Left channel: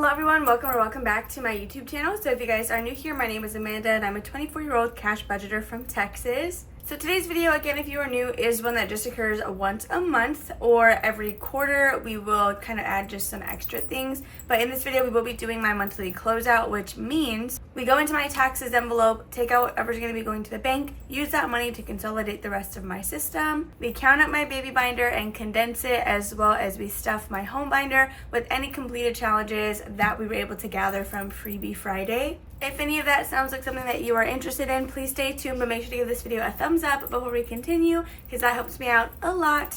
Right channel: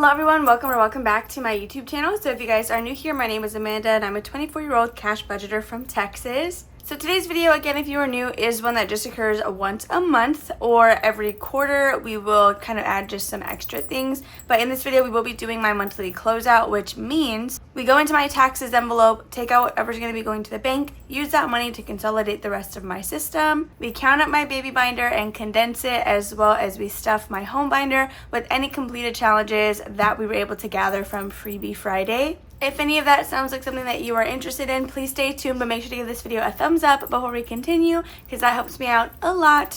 Hello everyone, welcome back to my YouTube channel. So if you guys are new here, my name is Amanda and I'm a 24-year-old cash budgeter from Texas. So today's video, again, if you are new, is one that just occurs once a month or every quarter. We will kind of add just some extra things. But in this video, we will be doing my monthly closeout, which means we go into my taxes envelope, take out whatever's going to be going to the bank, use that money to consolidate the rest of my system. We count up my baby binder and condense it, as well as we stuff my home binder with any completed challenges that we were able to gather from Freebie Friday. If any of that sounds like something that you are interested in, please stay tuned, but make sure to give this video a thumbs up before we continue, because that helps me out a lot.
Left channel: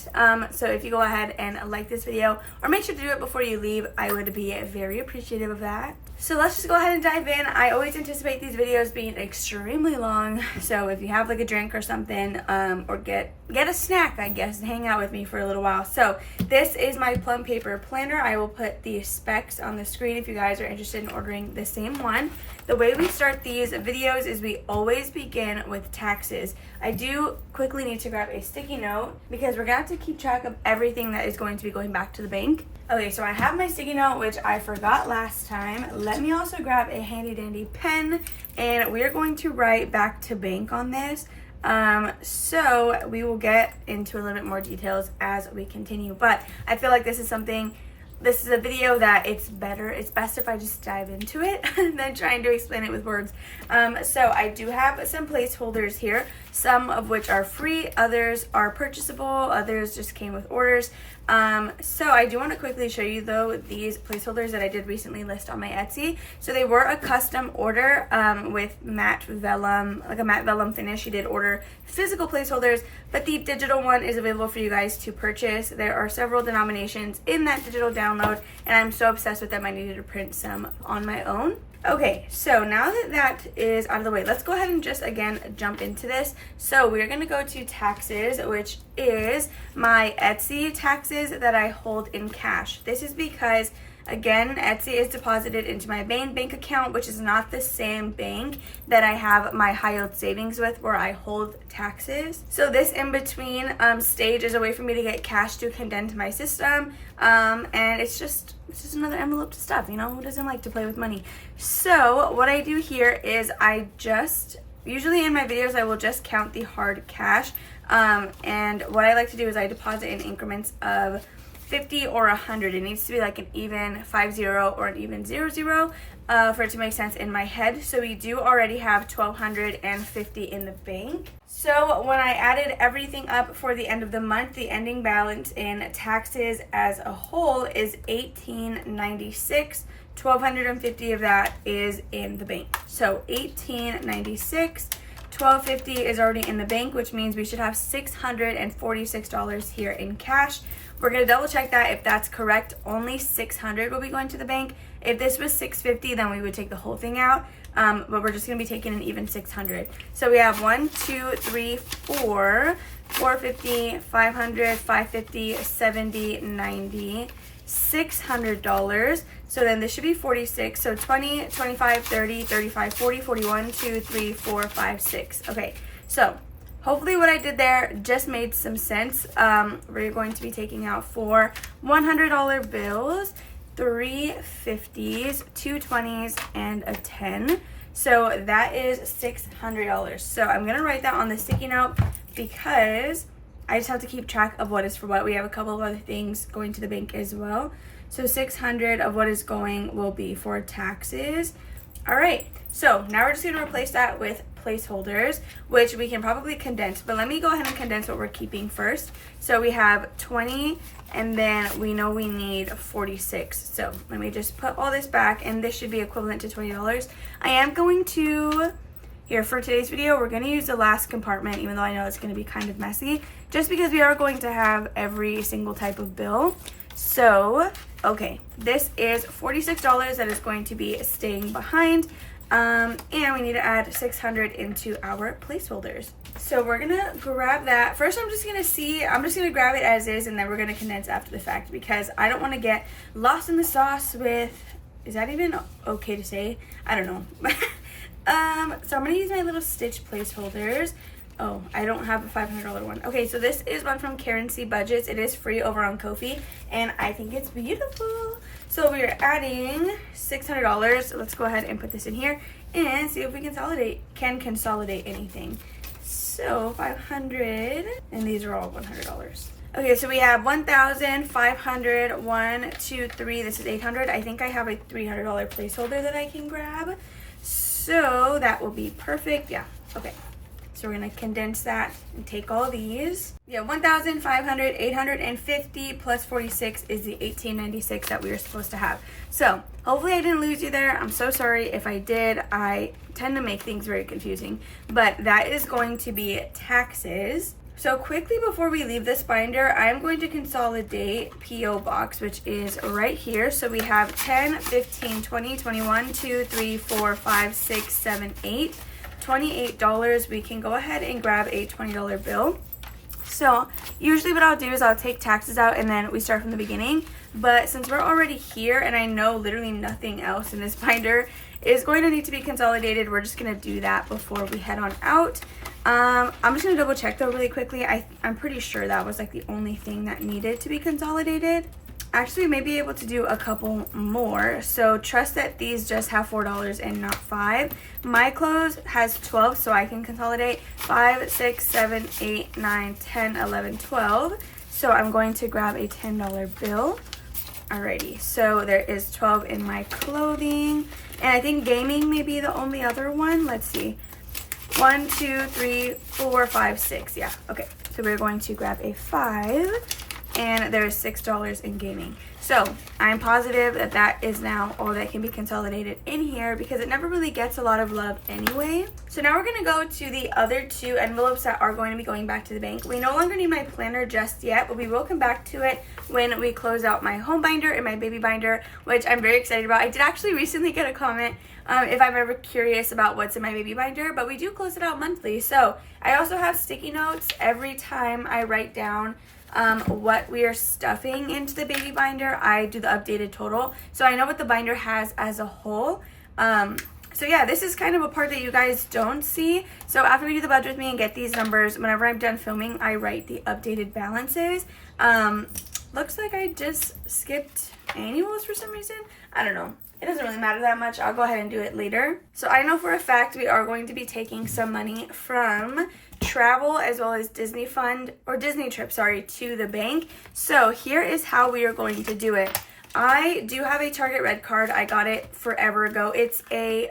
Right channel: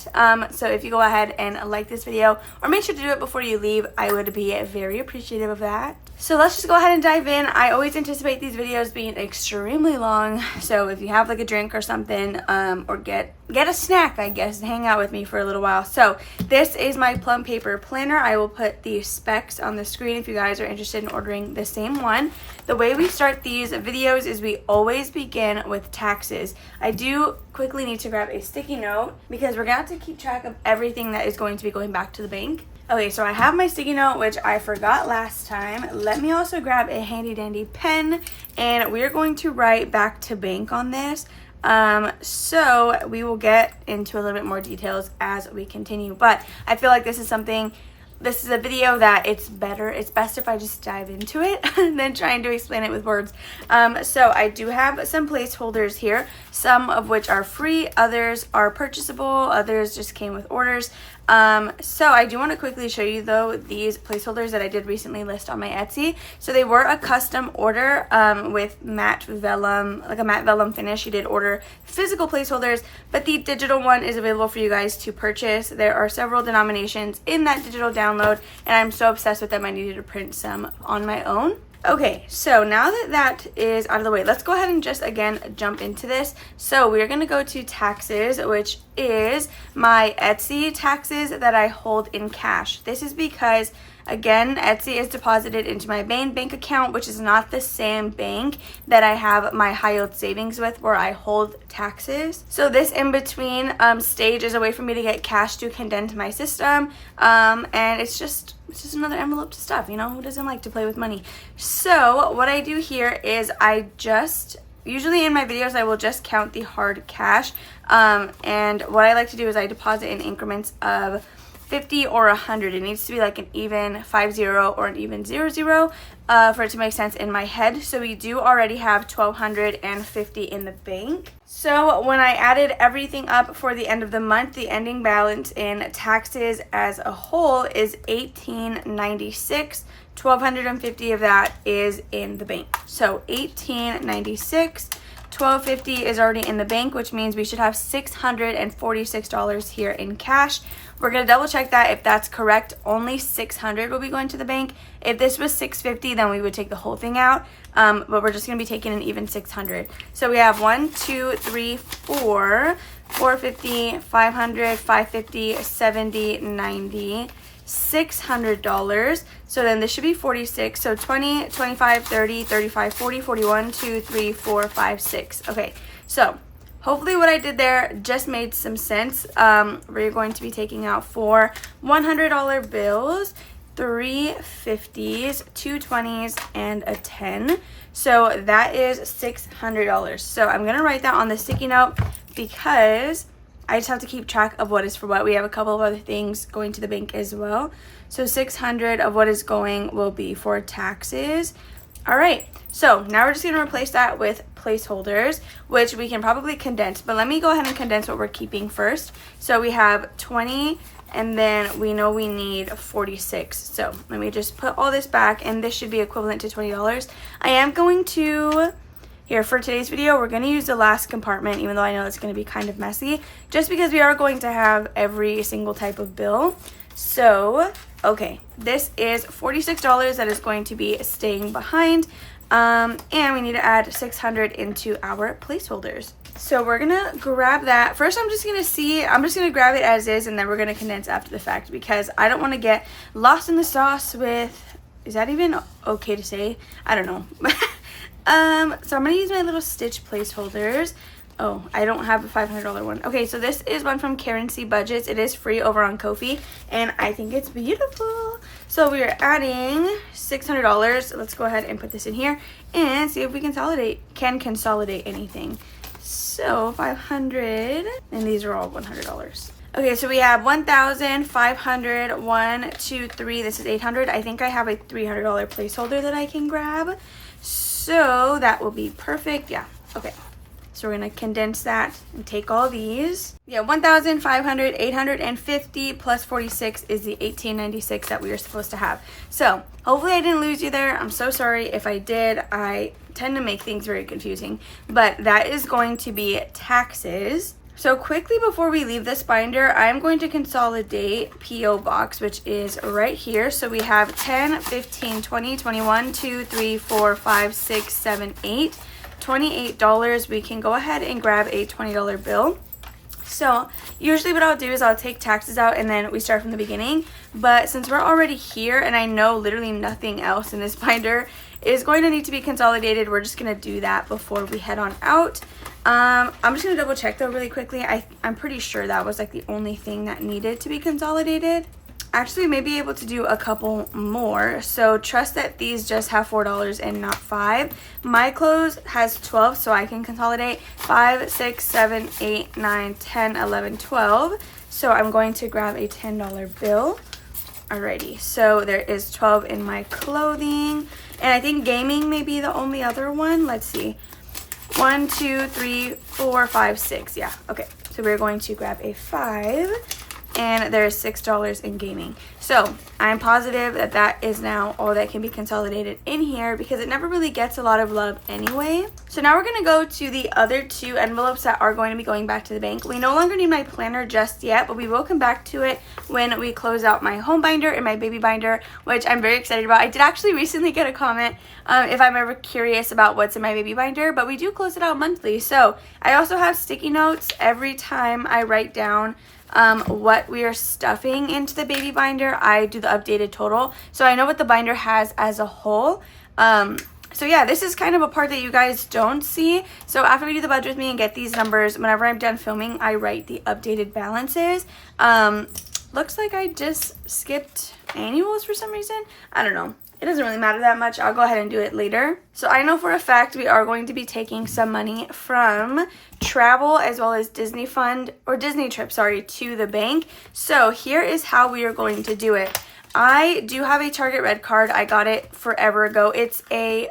So if you go ahead and like this video, or make sure to do it before you leave, I would be very appreciative of that. So let's just go ahead and dive in. I always anticipate these videos being extremely long, so if you have like a drink or something, or get a snack, I guess, and hang out with me for a little while. So this is my plum paper planner. I will put the specs on the screen if you guys are interested in ordering the same one. The way we start these videos is we always begin with taxes. I do quickly need to grab a sticky note because we're gonna have to keep track of everything that is going to be going back to the bank. Okay, so I have my sticky note, which I forgot last time. Let me also grab a handy dandy pen, and we're going to write back to bank on this. So we will get into a little bit more details as we continue, but I feel like this is a video that it's best if I just dive into it than trying to explain it with words. So I do have some placeholders here, some of which are free, others are purchasable, others just came with orders. So I do want to quickly show you though these placeholders that I did recently list on my Etsy. So they were a custom order with matte vellum, like a matte vellum finish. You did order physical placeholders, but the digital one is available for you guys to purchase. There are several denominations in that digital download, and I'm so obsessed with them I needed to print some on my own. Okay, so now that is out of the way, let's go ahead and just again jump into this. So we're going to go to taxes, which is my Etsy taxes that I hold in cash. This is because, again, Etsy is deposited into my main bank account, which is not the same bank that I have my high yield savings with, where I hold taxes. So this in between stage is a way for me to get cash to condense my system, and it's just another envelope to stuff. You know, who doesn't like to play with money? So what I do here is usually in my videos I will just count the hard cash, and what I like to do is I deposit in increments of 50 or 100. It needs to be like an even 50 or an even 00 for it to make sense in my head. So we do already have 1,250 in the bank. So when I added everything up for the end of the month, the ending balance in taxes as a whole is $1,896. 1,250 of that is in the bank. So $1,896. $1,250 is already in the bank, which means we should have $646 here in cash. We're going to double check that. If that's correct, only $600 will be going to the bank. If this was $650, then we would take the whole thing out, but we're just going to be taking an even $600. So we have 1, 2, 3, 4, 450, 500, 550, 70, 90, $600. So then this should be 46. So 20, 25, 30, 35, 40, 41, 2, 3, 4, 5, 6. Okay, so hopefully what I did there just made some sense. We're going to be taking out 4 $100 bills, 3 50s, 2 20s, and a 10. So that is $600. So I'm going to write that on the sticky note because I just have to keep track of what is for what. We have a couple of other things going to the bank as well. So 600 of what is going will be for taxes. All right, so now we're just going to replace that with placeholders, which we can probably condense, but let me go ahead and condense what we're keeping first. So we have 20, and then we know we need 46. So let me just put all this back, and this should be equivalent to $20. I am going to, here for today's video, we're going to use the last compartment, even though I know it's going to be kind of messy, just because we are going to have every single type of bill. So, okay, this is $46 that is going to be staying behind. And we need to add 600 into our placeholders. So we're gonna grab that. First, I'm just gonna grab it as is, and then we're gonna condense after the fact because I don't want to get lost in the sauce with, is that even okay to say? I don't know. So I'm gonna use my little stitch placeholders. Oh, I don't have a $500 one. Okay, so this is one from Currency Budgets. It is free over on Ko-fi, and I think it's beautiful. So we are adding $600. Let's go ahead and put this in here and see if we can consolidate anything. So 500, and these are all $100. Okay, so we have 1,500, 1, 2, 3. This is 800. I think I have a $300 placeholder that I can grab. So that will be perfect. Yeah, okay. So we're gonna condense that and take all these. Yeah, 1,500, 850 plus 46 is the 1,896 that we were supposed to have. So hopefully I didn't lose you there. I'm so sorry if I did. I tend to make things very confusing, but that is going to be taxes. So quickly before we leave this binder, I'm going to consolidate PO Box, which is right here. So we have 10, 15, 20, 21, 2, 3, 4, 5, 6, 7, 8. $28. We can go ahead and grab a $20 bill. So usually what I'll do is I'll take taxes out and then we start from the beginning. But since we're already here and I know literally nothing else in this binder is going to need to be consolidated, we're just going to do that before we head on out. I'm just going to double check though really quickly. I'm pretty sure that was like the only thing that needed to be consolidated. Actually, may be able to do a couple more. So trust that these just have $4 and not 5. My clothes has 12, so I can consolidate 5, 6, 7, 8, 9, 10, 11, 12. So I'm going to grab a $10 bill. Alrighty, so there is 12 in my clothing. And I think gaming may be the only other one. Let's see. 1, 2, 3, 4, 5, 6. Yeah, okay. So we're going to grab a 5. And there's $6 in gaming. So I'm positive that that is now all that can be consolidated in here because it never really gets a lot of love anyway. So now we're gonna go to the other 2 envelopes that are going to be going back to the bank. We no longer need my planner just yet, but we will come back to it when we close out my home binder and my baby binder, which I'm very excited about. I did actually recently get a comment if I'm ever curious about what's in my baby binder, but we do close it out monthly. So I also have sticky notes every time I write down what we are stuffing into the baby binder. I do the updated total, so I know what the binder has as a whole. So yeah, this is kind of a part that you guys don't see. So after we do the budget with me and get these numbers, whenever I'm done filming, I write the updated balances. Looks like I just skipped annuals for some reason. I don't know. It doesn't really matter that much. I'll go ahead and do it later. So I know for a fact we are going to be taking some money from travel as well as Disney fund or Disney trip, sorry, to the bank. So here is how we are going to do it. I do have a Target Red card. I got it forever ago. It's a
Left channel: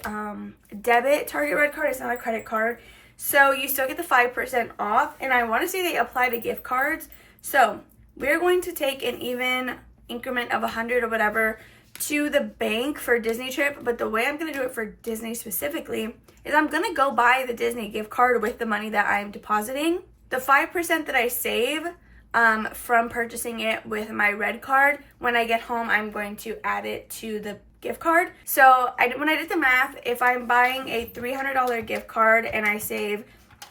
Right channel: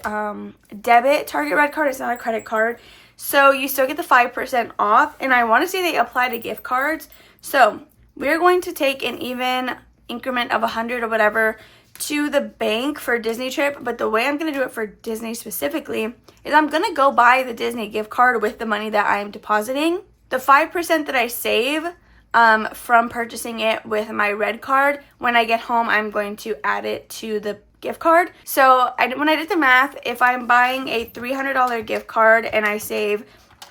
debit Target Red card. It's not a credit card. So you still get the 5% off. And I want to say they apply to gift cards. So we're going to take an even increment of 100 or whatever to the bank for a Disney trip, but the way I'm going to do it for Disney specifically is I'm going to go buy the Disney gift card with the money that I'm depositing. The 5% that I save from purchasing it with my red card, when I get home, I'm going to add it to the gift card. So when I did the math, if I'm buying a $300 gift card and I save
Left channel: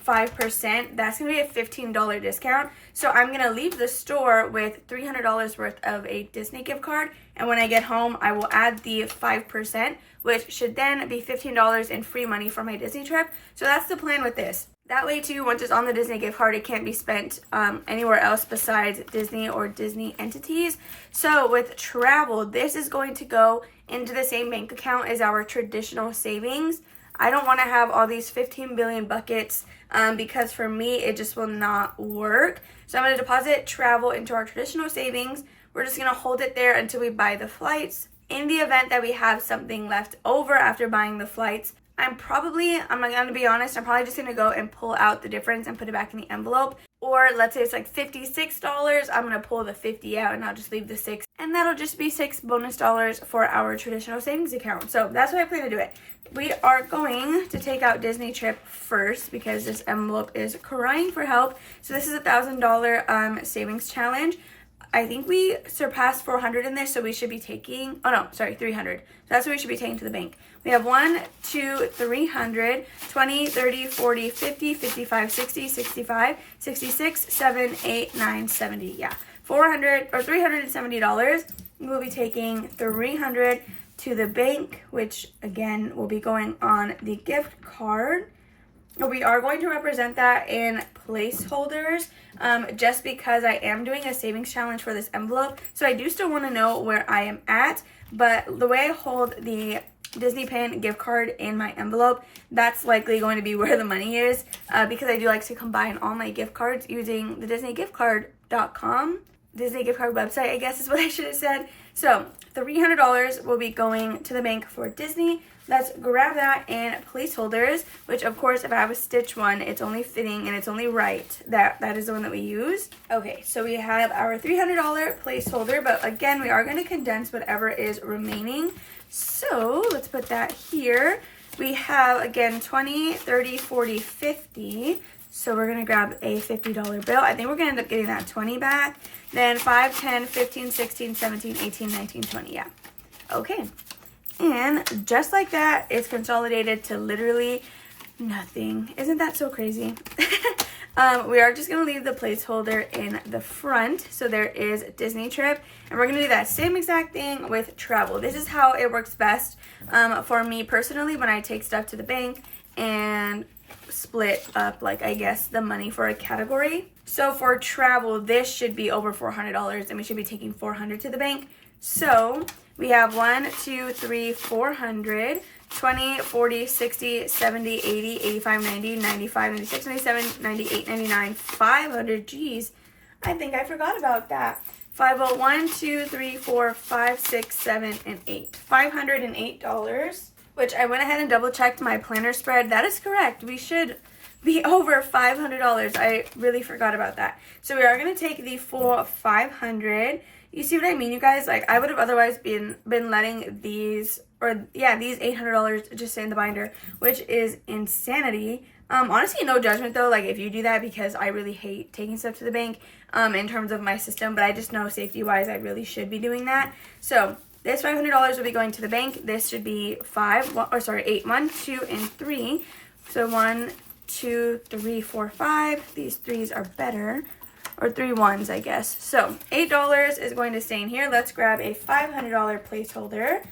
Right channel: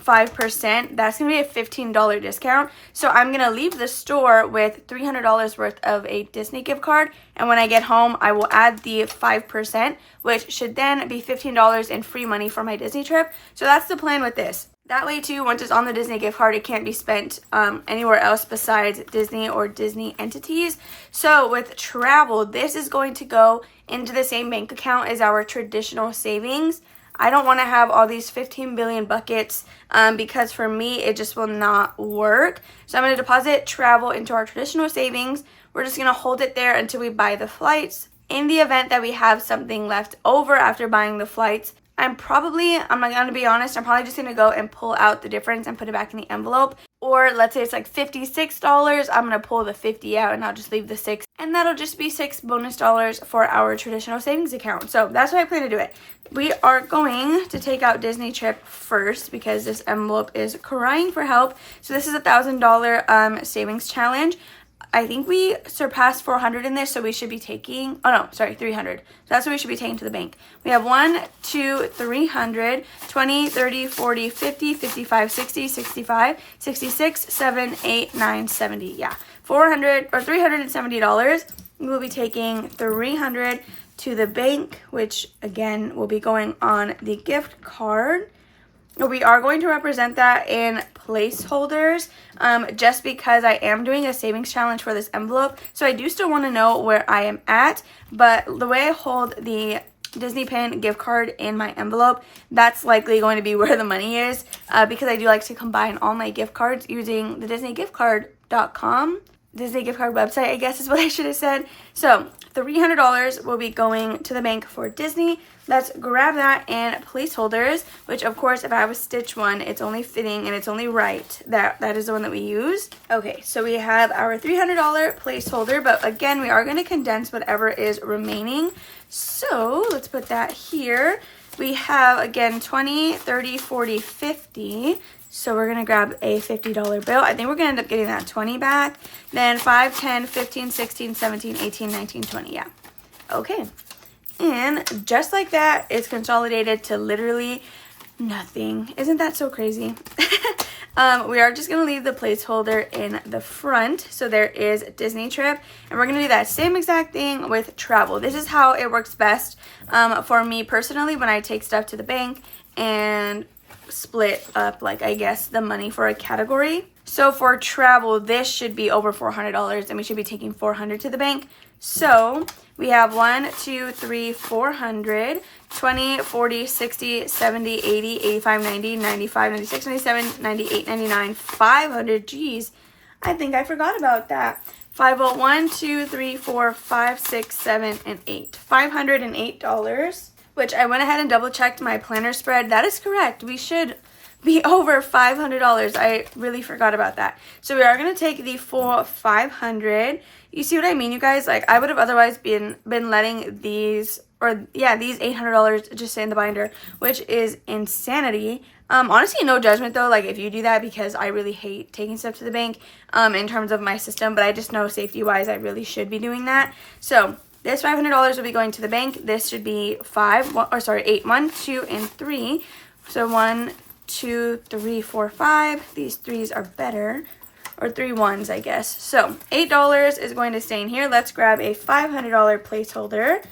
5%, that's gonna be a $15 discount. So I'm gonna leave the store with $300 worth of a Disney gift card, and when I get home I will add the 5%, which should then be $15 in free money for my Disney trip. So that's the plan with this. That way too, once it's on the Disney gift card, it can't be spent anywhere else besides Disney or Disney entities. So with travel, this is going to go into the same bank account as our traditional savings. I don't want to have all these 15 billion buckets because for me, it just will not work. So I'm going to deposit travel into our traditional savings. We're just going to hold it there until we buy the flights. In the event that we have something left over after buying the flights, I'm not going to be honest, I'm probably just going to go and pull out the difference and put it back in the envelope. Or let's say it's like $56, I'm going to pull the 50 out and I'll just leave the 6. And that'll just be $6 bonus for our traditional savings account. So that's how I plan to do it. We are going to take out Disney trip first because this envelope is crying for help. So this is a $1,000 savings challenge. I think we surpassed 400 in this, so we should be taking, 300. So that's what we should be taking to the bank. We have 1, 2, 300, 20, 30, 40, 50, 55, 60, 65, 66, 7, 8, 9, 70. Yeah, $370. We will be taking 300 to the bank, which again will be going on the gift card. we are going to represent that in placeholders, just because I am doing a savings challenge for this envelope. So I do still want to know where I am at, but the way I hold the Disney pin gift card in my envelope, that's likely going to be where the money is, because I do like to combine all my gift cards using the DisneyGiftCard.com. Disney gift card website, I guess is what I should have said. So $300 will be going to the bank for Disney. Let's grab that in placeholders, which of course, if I have a stitch one, it's only fitting and it's only right. That is the one that we use. Okay, so we have our $300 placeholder, but again, we are going to condense whatever is remaining. So let's put that here. We have, again, 20, 30, 40, 50. So we're going to grab a $50 bill. I think we're going to end up getting that 20 back. Then 5, 10, 15, 16, 17, 18, 19, 20. Yeah. Okay. And just like that, it's consolidated to literally nothing. Isn't that so crazy? We are just going to leave the placeholder in the front. So there is Disney trip. And we're going to do that same exact thing with travel. This is how it works best for me personally when I take stuff to the bank and split up, like, I guess, the money for a category. So for travel, this should be over $400 and we should be taking $400 to the bank. So we have 1, 2, 3, 400, 20, 40, 60, 70, 80, 85, 90, 95, 96, 97, 98, 99, 500. Geez, I think I forgot about that. 501, 2, 3, 4, 5, 6, 7, and 8. $508. Which I went ahead and double checked my planner spread. That is correct. We should be over $500. I really forgot about that. So we are going to take the full $500. You see what I mean, you guys? Like, I would have otherwise been letting these, or yeah, these $800 just sit in the binder, which is insanity. Honestly, no judgment though, like if you do that, because I really hate taking stuff to the bank in terms of my system, but I just know safety wise I really should be doing that. So this $500 will be going to the bank. This should be 8, 1, 2, and 3. So 1, 2, 3, 4, 5. These 3s are better, or 3 1s, I guess. So $8 is going to stay in here. Let's grab a $500 placeholder.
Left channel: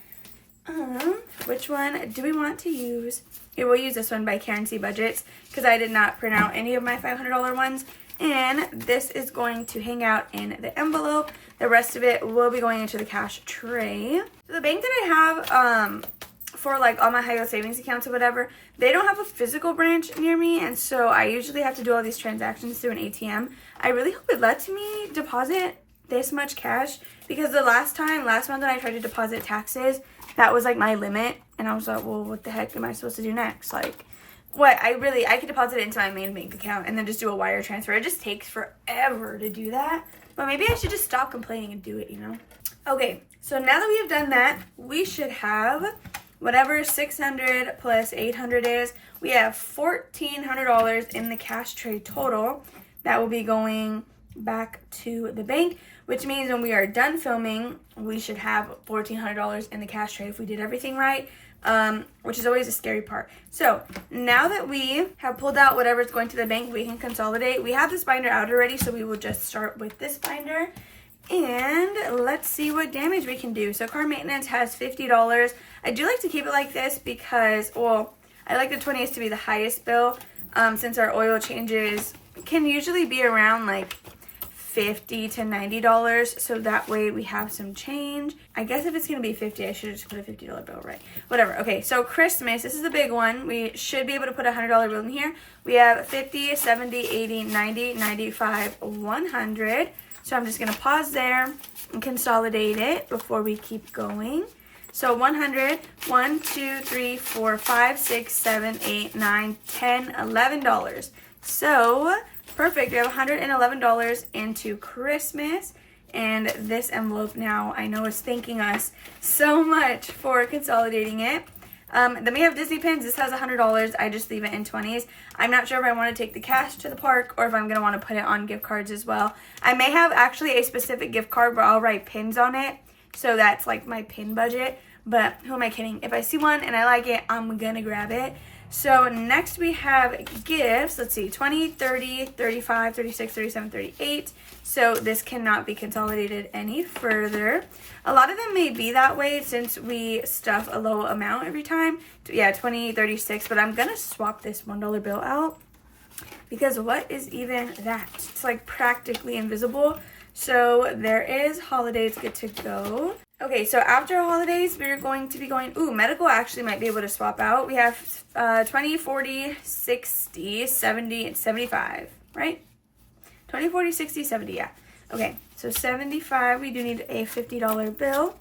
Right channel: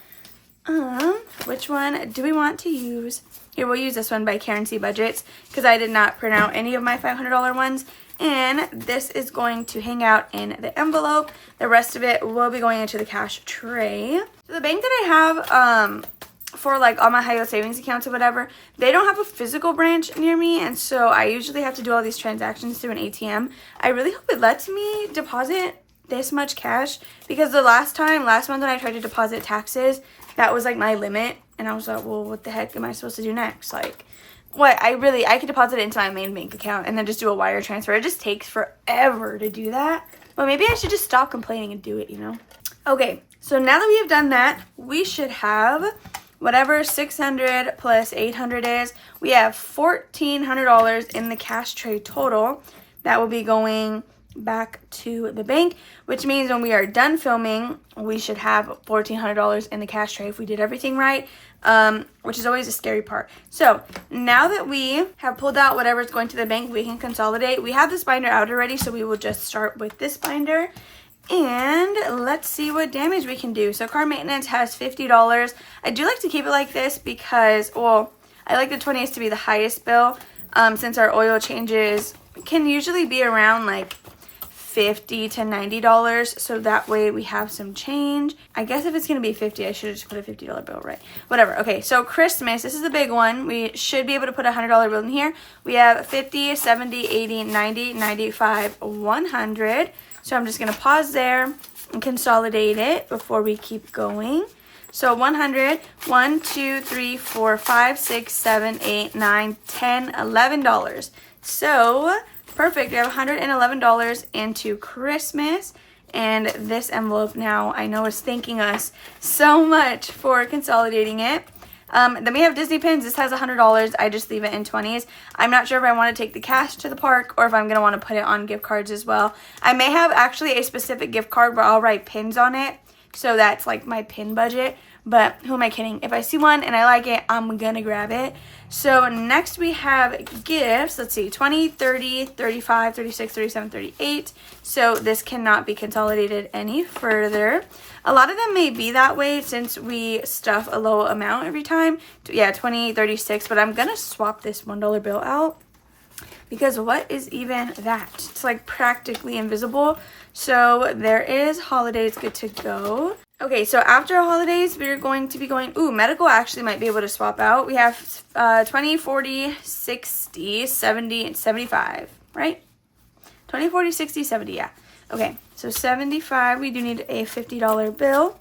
Which one do we want to use? Here, we'll use this one by Karen C. Budgets, because I did not print out any of my $500 ones. And this is going to hang out in the envelope. The rest of it will be going into the cash tray. So the bank that I have for like all my high yield savings accounts or whatever, they don't have a physical branch near me, and so I usually have to do all these transactions through an ATM. I really hope it lets me deposit this much cash, because the last month when I tried to deposit taxes, that was like my limit, and I was like, well, what the heck am I supposed to do next? Like, what? I could deposit it into my main bank account and then just do a wire transfer. It just takes forever to do that. But maybe I should just stop complaining and do it, you know? Okay, so now that we have done that, we should have whatever 600 plus 800 is. We have $1,400 in the cash tray total. That will be going back to the bank, which means when we are done filming, we should have $1,400 in the cash tray if we did everything right. Which is always a scary part. So now that we have pulled out whatever's going to the bank, we can consolidate. We have this binder out already, so we will just start with this binder. And let's see what damage we can do. So car maintenance has $50. I do like to keep it like this because, well, I like the 20th to be the highest bill, since our oil changes can usually be around like $50 to $90, so that way we have some change. I guess if it's gonna be 50, I should have just put a $50 bill, right? Whatever. Okay, so Christmas, this is a big one. We should be able to put a $100 bill in here. We have 50, 70, 80, 90, 95, 100. So I'm just gonna pause there and consolidate it before we keep going. So 100, 1, 2, 3, 4, 5, 6, 7, 8, 9, 10, $11. So perfect. We have $111 into Christmas, and this envelope now I know is thanking us so much for consolidating it. Then we have Disney pins. This has $100. I just leave it in 20s. I'm not sure if I want to take the cash to the park or if I'm going to want to put it on gift cards as well. I may have actually a specific gift card where I'll write pins on it, so that's like my pin budget. but who am I kidding? If I see one and I like it, I'm gonna grab it. So next we have gifts. Let's see, 20, 30, 35, 36, 37, 38. So this cannot be consolidated any further. A lot of them may be that way since we stuff a low amount every time. Yeah, 20, 36, but I'm gonna swap this $1 bill out because what is even that? It's like practically invisible. So there is holidays good to go. Okay, so after holidays, we're going to be going, medical actually might be able to swap out. We have 20, 40, 60, 70, and 75, right? 20, 40, 60, 70, yeah. Okay, so 75, we do need a $50 bill,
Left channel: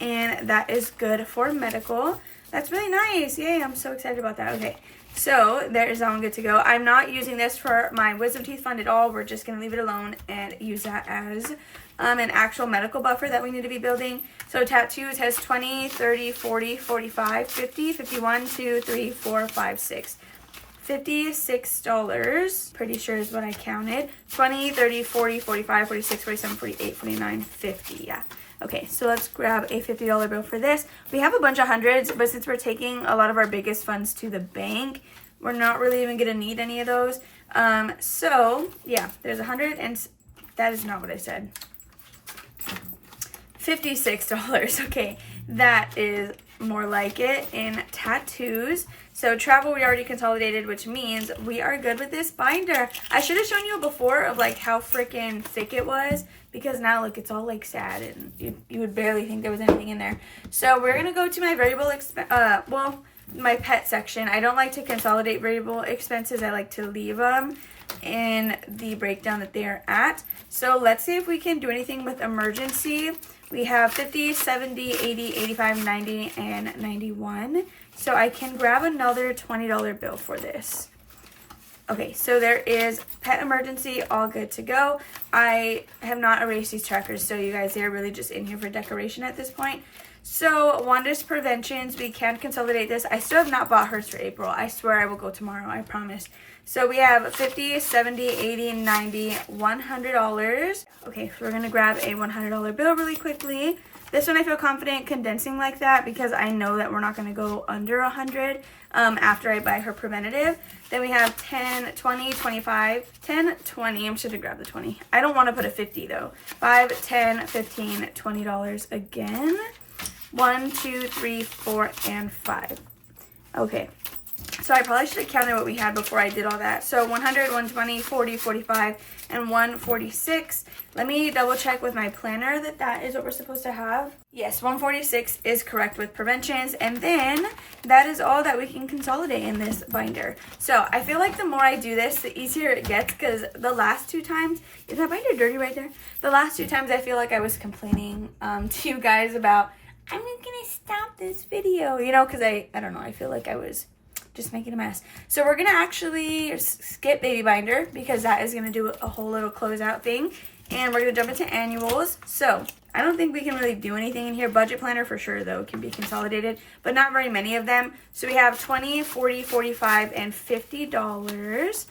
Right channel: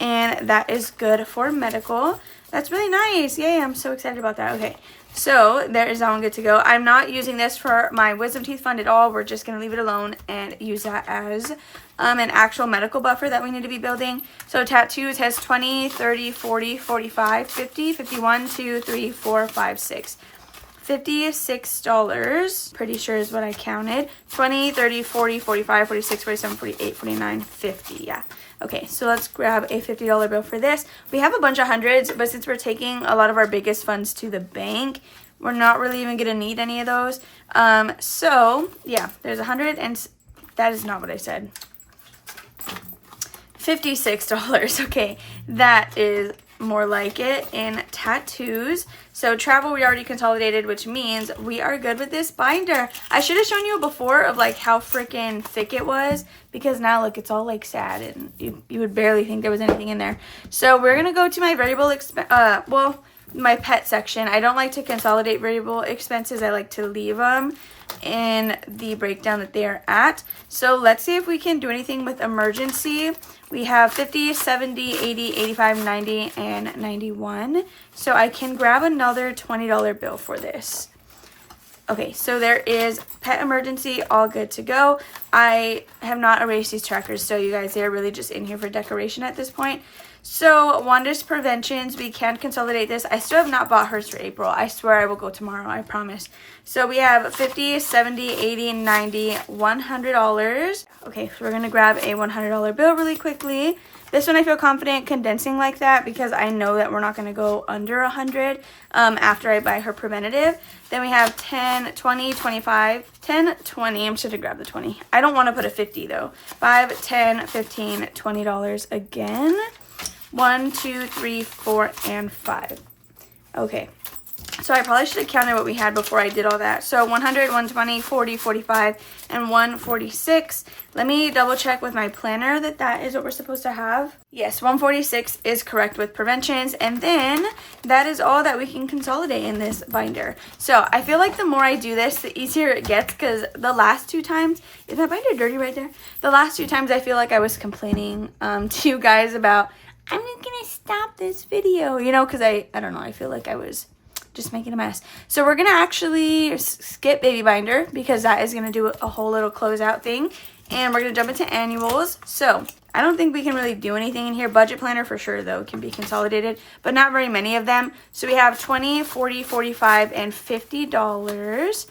and that is good for medical. That's really nice. Yay, I'm so excited about that. Okay, so there is that one good to go. I'm not using this for my wisdom teeth fund at all. We're just going to leave it alone and use that as an actual medical buffer that we need to be building. So tattoos has 20, 30, 40, 45, 50, 51, 2, 3, 4, 5, 6. $56, pretty sure is what I counted. 20, 30, 40, 45, 46, 47, 48, 49, 50, yeah. Okay, so let's grab a $50 bill for this. We have a bunch of hundreds, but since we're taking a lot of our biggest funds to the bank, we're not really even gonna need any of those. So yeah, there's 100 and that is not what I said. $56. Okay, that is more like it. In tattoos, so travel we already consolidated, which means we are good with this binder. I should have shown you before of like how freaking thick it was, because now look, it's all like sad and you would barely think there was anything in there. So we're gonna go to my variable my pet section. I don't like to consolidate variable expenses. I like to leave them in the breakdown that they are at. So let's see if we can do anything with emergency. We have 50, 70, 80, 85, 90, and 91. So I can grab another $20 bill for this. Okay, so there is pet emergency, all good to go. I have not erased these trackers, so you guys, they're really just in here for decoration at this point. So Wanda's preventions, we can consolidate this. I still have not bought hers for April. I swear I will go tomorrow, I promise. So we have 50, 70, 80, 90, $100. Okay, so we're gonna grab a $100 bill really quickly. This one I feel confident condensing like that because I know that we're not gonna go under 100 after I buy her preventative. Then we have 10, 20, 25, 10, 20. I'm just gonna grab the 20. I don't wanna put a 50 though. 5, 10, 15, $20 again. 1, 2, 3, 4, and 5. Okay, so I probably should have counted what we had before I did all that. So 100, 120, 40, 45, and 146. Let me double check with my planner that that is what we're supposed to have. Yes, 146 is correct with preventions. And then that is all that we can consolidate in this binder. So I feel like the more I do this, the easier it gets, because the last two times, is my binder dirty right there? The last two times I feel like I was complaining to you guys about, I'm not gonna stop this video, you know, because I don't know, I feel like I was just making a mess. So we're gonna actually skip baby binder because that is gonna do a whole little closeout thing, and we're gonna jump into annuals. So I don't think we can really do anything in here. Budget planner for sure though can be consolidated, but not very many of them. So we have 20, 40, 45, and $50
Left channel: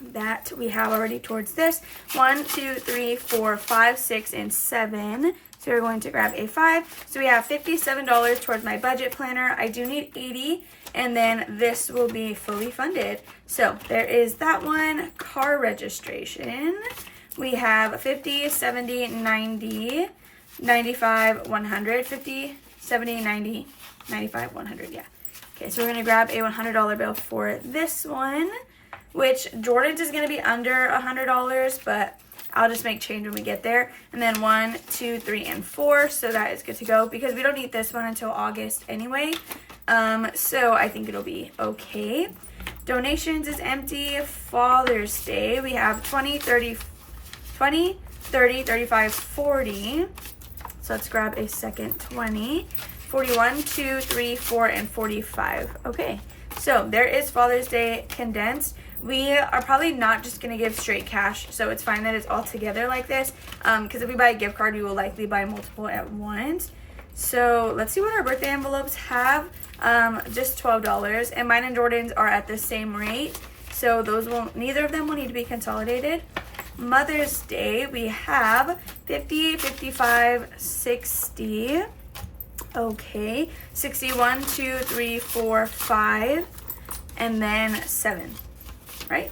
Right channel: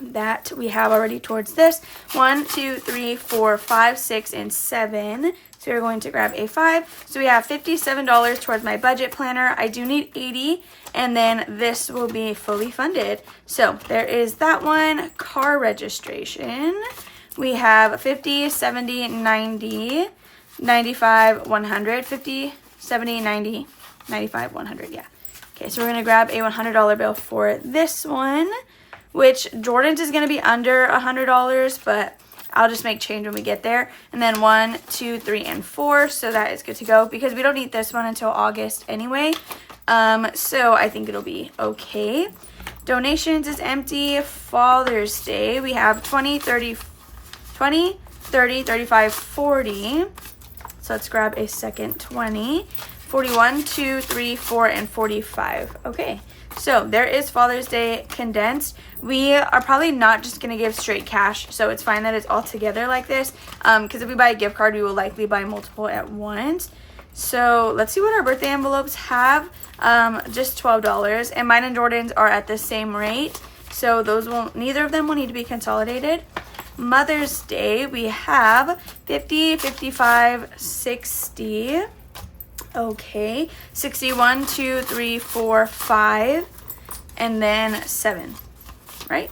that we have already towards this. 1, 2, 3, 4, 5, 6, and 7. So we're going to grab a 5. So we have $57 towards my budget planner. I do need 80, and then this will be fully funded. So there is that one. Car registration. We have 50, 70, 90, 95, 100. 50, 70, 90, 95, 100. Yeah. Okay, so we're going to grab a $100 bill for this one, which Jordan's is going to be under $100, but I'll just make change when we get there. And then 1, 2, 3, and 4. So that is good to go because we don't need this one until August anyway. So I think it'll be okay. Donations is empty. Father's Day, we have 20, 30, 35, 40. So let's grab a second 20. 41, 2, 3, 4, and 45. Okay, so there is Father's Day condensed. We are probably not just going to give straight cash, so it's fine that it's all together like this, because if we buy a gift card, we will likely buy multiple at once. So let's see what our birthday envelopes have. Just $12, and mine and Jordan's are at the same rate, so those won't, neither of them will need to be consolidated. Mother's Day, we have 50, 55, 60. Okay, 61, 2, 3, 4, 5, and then 7, right?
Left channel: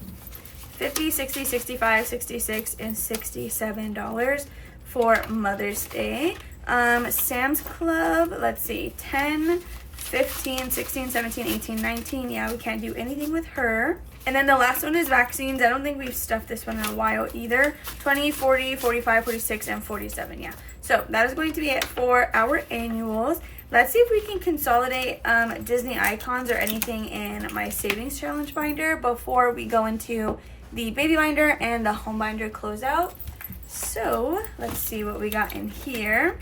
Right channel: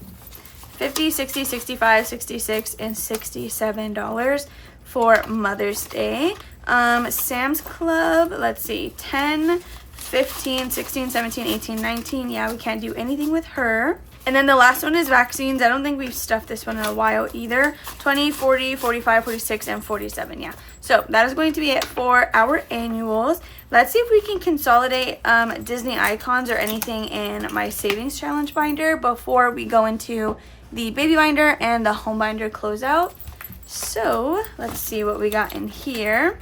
50, 60, 65, 66, and $67 for Mother's Day. Sam's Club, let's see, 10, 15, 16, 17, 18, 19. Yeah, we can't do anything with her. And then the last one is vaccines. I don't think we've stuffed this one in a while either. 20, 40, 45, 46, and 47. Yeah. So that is going to be it for our annuals. Let's see if we can consolidate Disney icons or anything in my savings challenge binder before we go into the baby binder and the home binder closeout. So let's see what we got in here.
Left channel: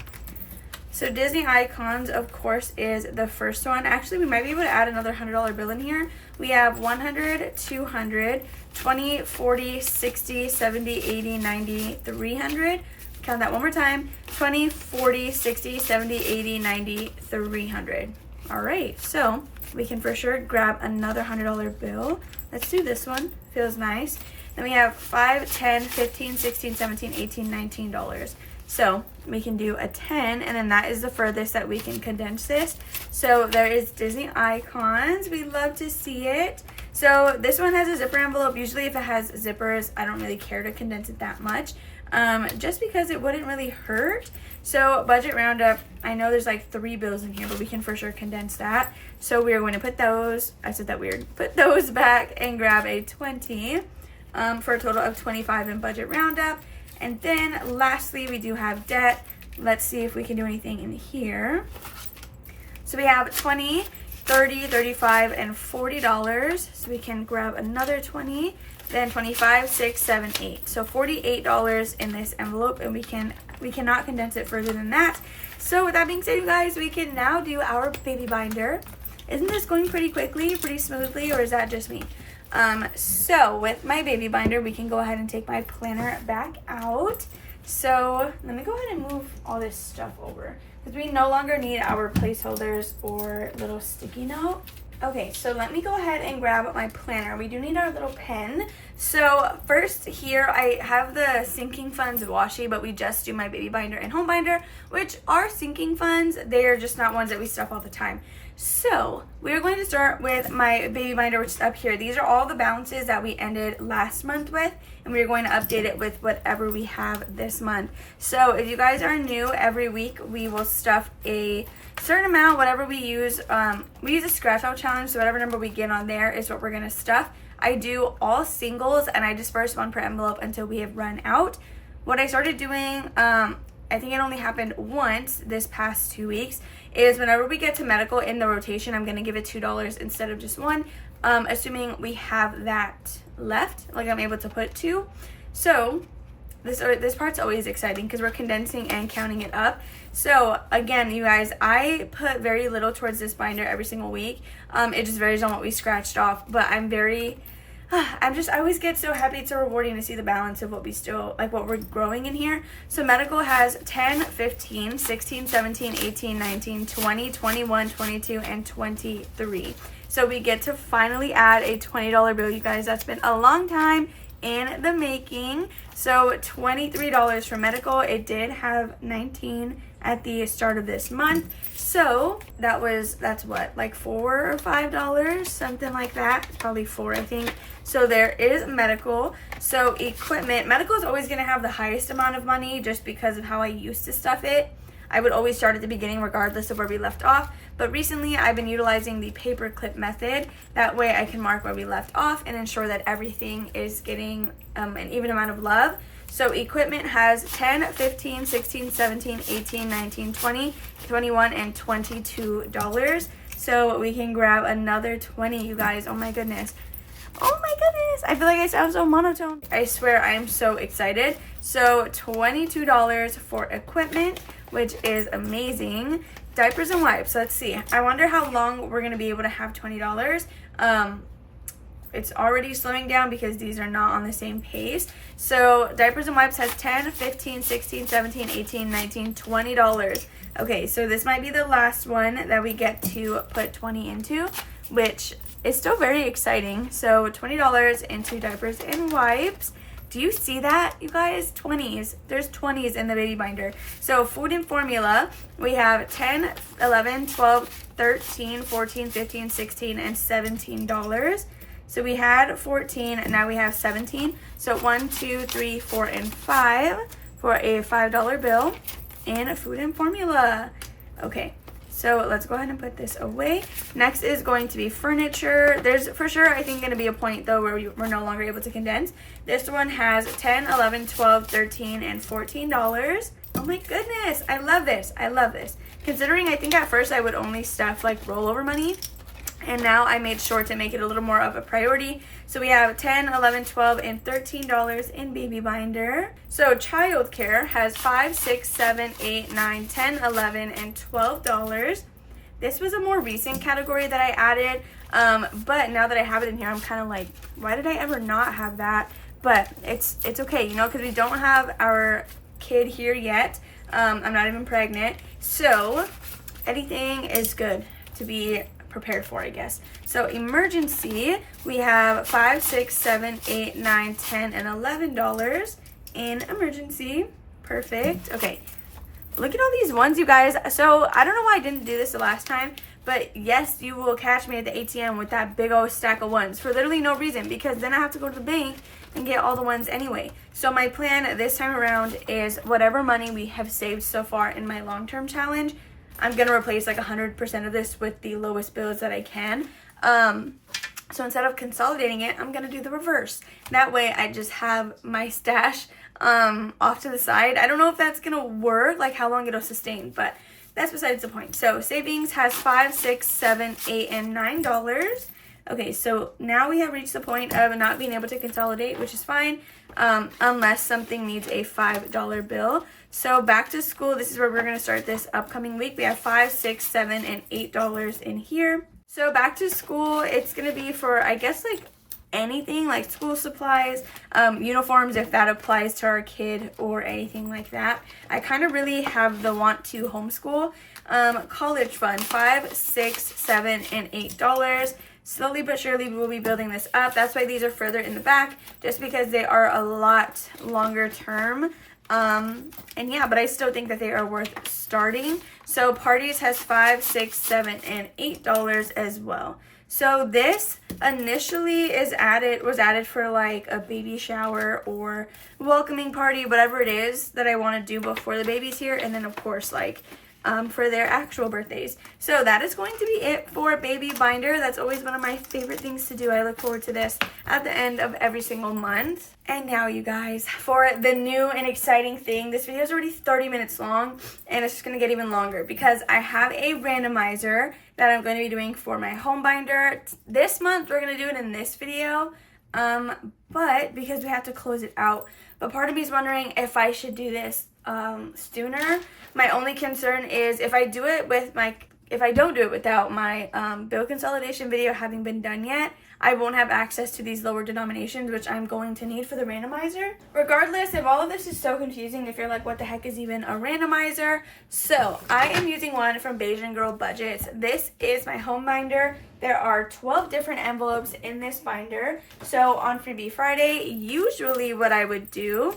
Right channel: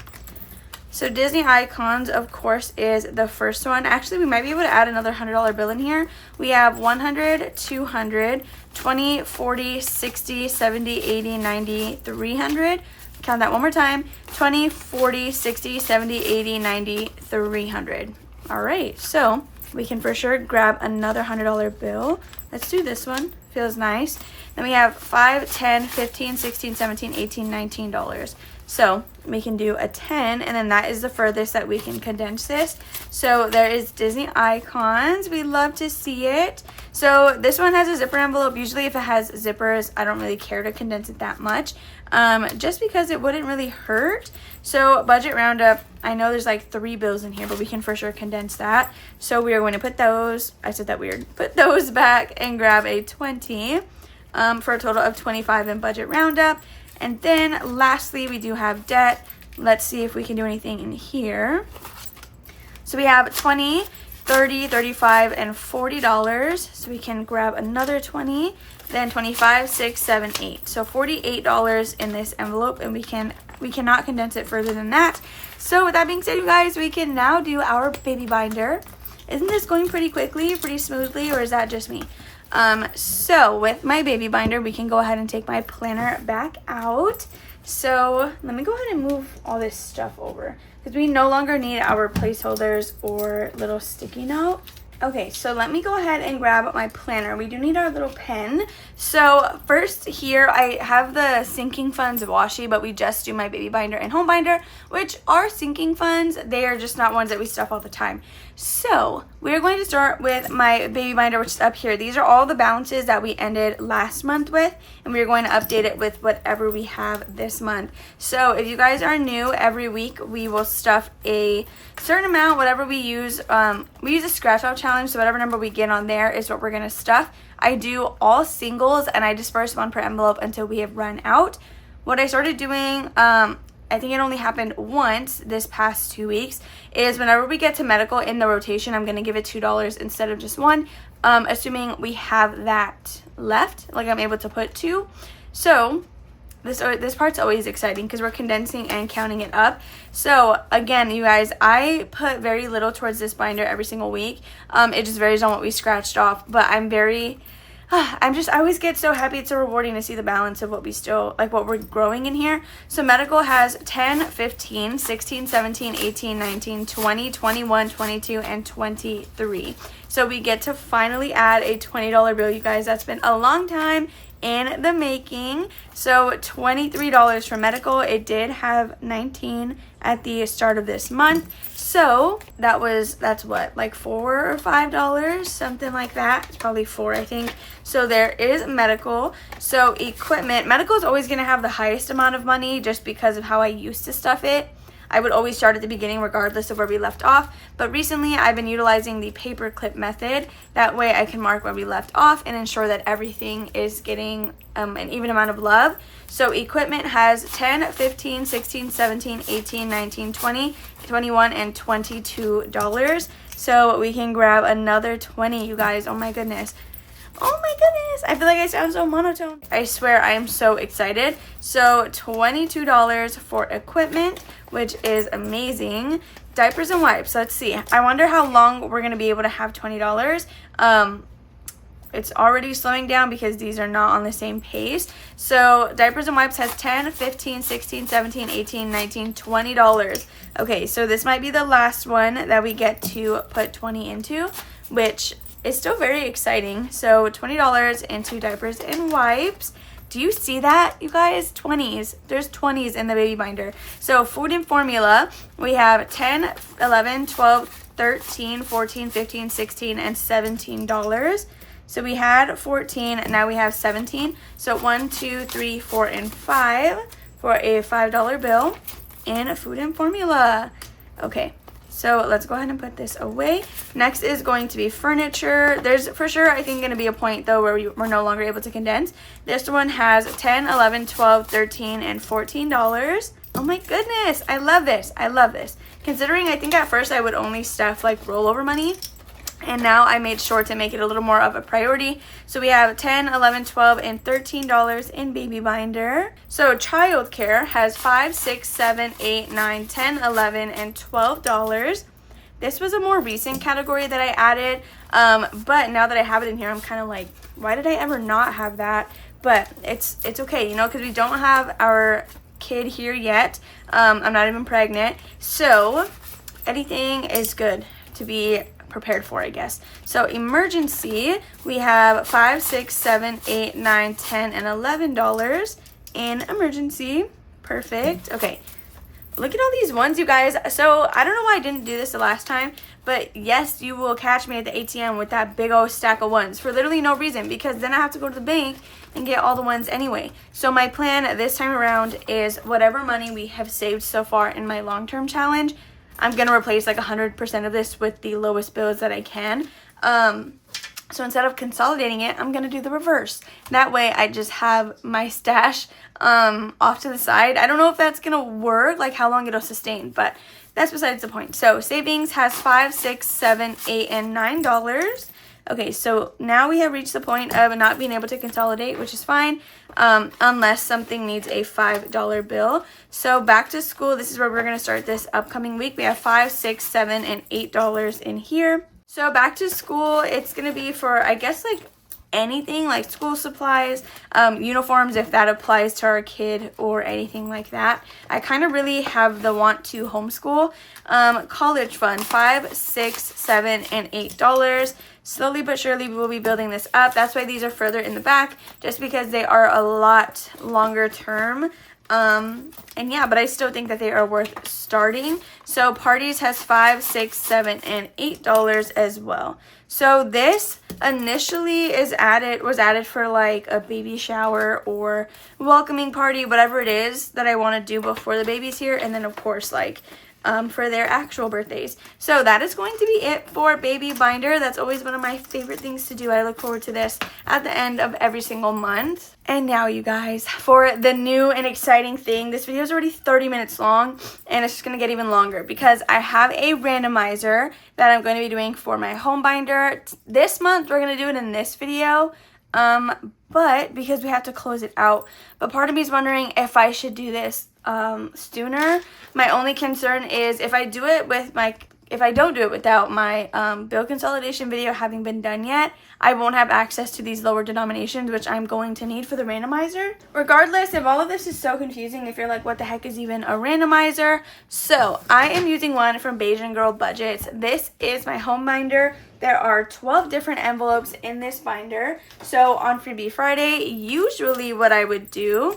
So Disney icons, of course, is the first one. Actually, we might be able to add another $100 bill in here. We have 100, 200, 20, 40, 60, 70, 80, 90, 300. Count that one more time. 20, 40, 60, 70, 80, 90, 300. All right, so we can for sure grab another $100 bill. Let's do this one. Feels nice. Then we have 5, 10, 15, 16, 17, 18, $19. So we can do a 10, and then that is the furthest that we can condense this. So there is Disney icons. We love to see it. So this one has a zipper envelope. Usually if it has zippers, I don't really care to condense it that much, just because it wouldn't really hurt. So budget roundup, I know there's like 3 bills in here, but we can for sure condense that. So we are going to put those, I said that weird, put those back and grab a 20 for a total of 25 in budget roundup. And then lastly, we do have debt. Let's see if we can do anything in here. So we have 20, 30, 35, and $40. So we can grab another 20, then 25, 6, 7, 8. So $48 in this envelope, and we cannot condense it further than that. So with that being said, you guys, we can now do our baby binder. Isn't this going pretty quickly, pretty smoothly, or is that just me? So with my baby binder, we can go ahead and take my planner back out. So let me go ahead and move all this stuff over because we no longer need our placeholders or little sticky note. Okay, so let me go ahead and grab my planner. We do need our little pen. So first here, I have the sinking funds washi, but we just do my baby binder and home binder, which are sinking funds. They are just not ones that we stuff all the time. So we're going to start with my baby binder, which is up here. These are all the balances that we ended last month with, and we're going to update it with whatever we have this month. So if you guys are new, every week we will stuff a certain amount, whatever we use. We use a scratch out challenge, so whatever number we get on there is what we're going to stuff. I do all singles, and I disperse one per envelope until we have run out. What I started doing, I think it only happened once this past 2 weeks, is whenever we get to medical in the rotation, I'm going to give it $2 instead of just $1, assuming we have that left, like I'm able to put 2. So this part's always exciting because we're condensing and counting it up. So again, you guys, I put very little towards this binder every single week. It just varies on what we scratched off, but I always get so happy. It's so rewarding to see the balance of what we still, like what we're growing in here. So medical has 10, 15, 16, 17, 18, 19, 20, 21, 22, and 23. So we get to finally add a $20 bill, you guys. That's been a long time in the making. So $23 for medical. It did have 19 at the start of this month. So that's what, like $4 or $5, something like that. It's probably 4, I think. So there is medical. So equipment, medical is always going to have the highest amount of money just because of how I used to stuff it. I would always start at the beginning regardless of where we left off. But recently I've been utilizing the paper clip method. That way I can mark where we left off and ensure that everything is getting an even amount of love. So equipment has 10, 15, 16, 17, 18, 19, 20, 21, and $22. So we can grab another 20, you guys. Oh my goodness. Oh my goodness. I feel like I sound so monotone. I swear I am so excited. So $22 for equipment, which is amazing. Diapers and wipes. Let's see. I wonder how long we're going to be able to have $20. It's already slowing down because these are not on the same pace. So diapers and wipes has 10, 15, 16, 17, 18, 19, $20. Okay, so this might be the last one that we get to put 20 into, which is still very exciting. So $20 into diapers and wipes. Do you see that, you guys? 20s. There's 20s in the baby binder. So food and formula, we have 10, 11, 12, 13, 14, 15, 16, and $17. So we had 14, and now we have 17. So 1, 2, 3, 4, and 5 for a $5 bill in food and formula. Okay, so let's go ahead and put this away. Next is going to be furniture. There's for sure, I think, going to be a point though where we're no longer able to condense. This one has 10, 11, 12, 13, and $14. Oh my goodness, I love this. I love this. Considering I think at first I would only stuff like rollover money, and now I made sure to make it a little more of a priority. So we have 10, 11, 12, and $13 in baby binder. So childcare has 5, 6, 7, 8, 9, 10, 11, and $12. This was a more recent category that I added, but now that I have it in here, I'm kind of like, why did I ever not have that? But it's okay, you know, because we don't have our kid here yet. I'm not even pregnant, so anything is good to be prepared for, I guess. So emergency, we have 5, 6, 7, 8, 9, 10, and $11 in emergency. Perfect. Okay, look at all these ones, you guys. So I don't know why I didn't do this the last time, but yes, you will catch me at the ATM with that big old stack of ones for literally no reason, because then I have to go to the bank and get all the ones anyway. So my plan this time around is whatever money we have saved so far in my long-term challenge, I'm going to replace like 100% of this with the lowest bills that I can. So instead of consolidating it, I'm going to do the reverse. That way I just have my stash off to the side. I don't know if that's going to work, like how long it'll sustain, but that's besides the point. So savings has 5, 6, 7, 8, and $9. Okay, so now we have reached the point of not being able to consolidate, which is fine, unless something needs a $5 bill. So back to school, this is where we're going to start this upcoming week. We have 5, 6, 7, and $8 in here. So back to school, it's going to be for, I guess, like anything like school supplies, uniforms, if that applies to our kid or anything like that. I kind of really have the want to homeschool. College fund, 5, 6, 7, and $8. Slowly but surely we will be building this up. That's why these are further in the back, just because they are a lot longer term. And yeah, but I still think that they are worth starting. So parties has 5, 6, 7, and $8 as well. So this initially was added for like a baby shower or welcoming party, whatever it is that I want to do before the baby's here, and then of course like for their actual birthdays. So that is going to be it for baby binder. That's always one of my favorite things to do. I look forward to this at the end of every single month. And now you guys, for the new and exciting thing, this video is already 30 minutes long, and it's just going to get even longer because I have a randomizer that I'm going to be doing for my home binder. This month, we're going to do it in this video, but because we have to close it out. But part of me is wondering if I should do this sooner. My only concern is if I don't do it without my bill consolidation video having been done yet, I won't have access to these lower denominations, which I'm going to need for the randomizer. Regardless, if all of this is so confusing, if you're like, what the heck is even a randomizer? So I am using one from Bayesian Girl Budgets. This is my home binder. There are 12 different envelopes in this binder. So on Freebie Friday, usually what I would do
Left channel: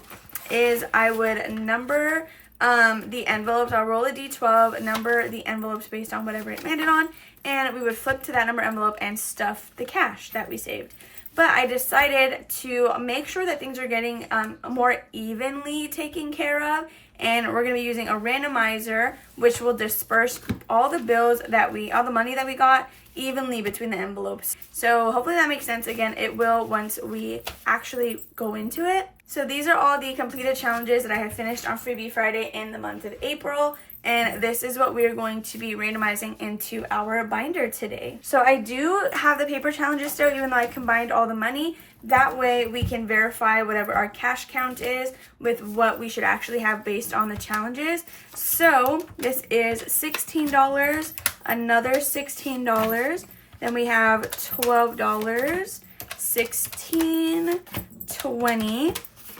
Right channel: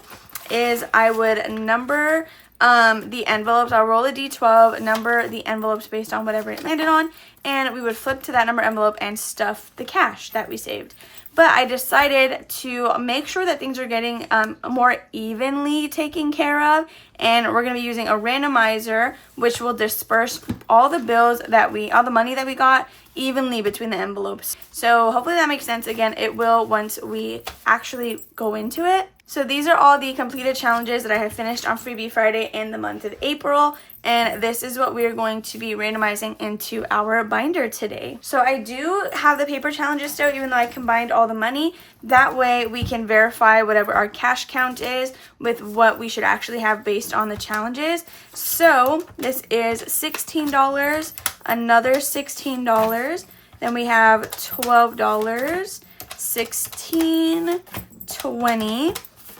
is I would number the envelopes. I'll roll a d12, number the envelopes based on whatever it landed on, and we would flip to that number envelope and stuff the cash that we saved. But I decided to make sure that things are getting more evenly taken care of, and we're going to be using a randomizer, which will disperse all the money that we got evenly between the envelopes. So hopefully that makes sense. Again, it will once we actually go into it. So these are all the completed challenges that I have finished on Freebie Friday in the month of April, and this is what we are going to be randomizing into our binder today. So I do have the paper challenges still, even though I combined all the money. That way we can verify whatever our cash count is with what we should actually have based on the challenges. So this is $16, another $16, then we have $12, 16, 20,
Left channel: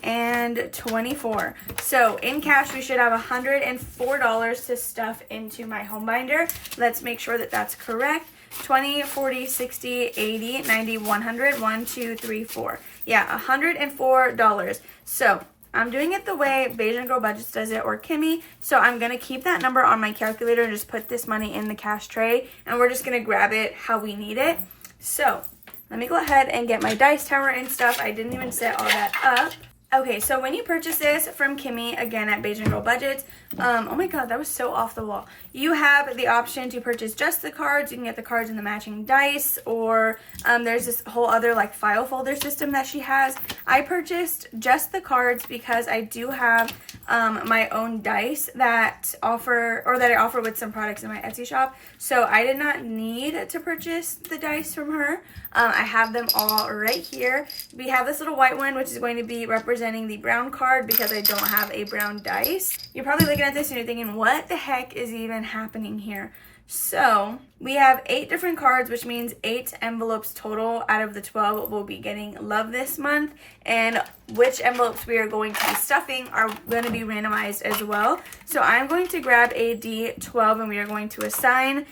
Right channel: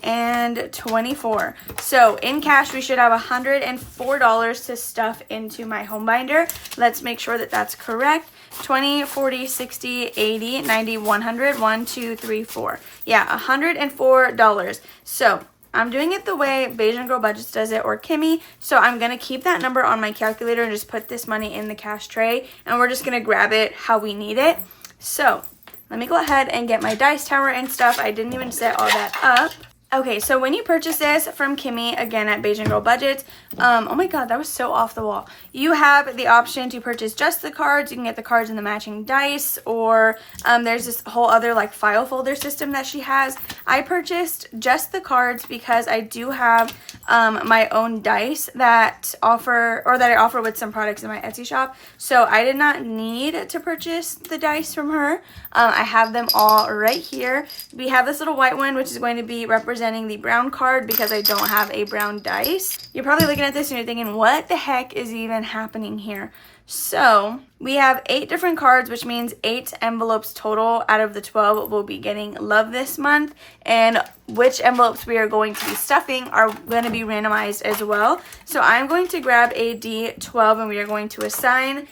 and 24. So in cash, we should have $104 to stuff into my home binder. Let's make sure that that's correct. 20, 40, 60, 80, 90, 100, 1, 2, 3, 4. Yeah, $104. So I'm doing it the way Beijing Girl Budgets does it, or Kimmy. So I'm going to keep that number on my calculator and just put this money in the cash tray. And we're just going to grab it how we need it. So let me go ahead and get my dice tower and stuff. I didn't even set all that up. Okay, so when you purchase this from Kimmy, again at Beijing Girl Budgets, oh my god, that was so off the wall. You have the option to purchase just the cards. You can get the cards in the matching dice, or there's this whole other like file folder system that she has. I purchased just the cards because I do have my own dice that I offer with some products in my Etsy shop. So I did not need to purchase the dice from her. I have them all right here. We have this little white one, which is going to be representing the brown card because I don't have a brown dice. You're probably looking at this and you're thinking, what the heck is even happening here? So we have 8 different cards, which means 8 envelopes total out of the 12 will be getting love this month. And which envelopes we are going to be stuffing are going to be randomized as well. So I'm going to grab a D12 and we are going to assign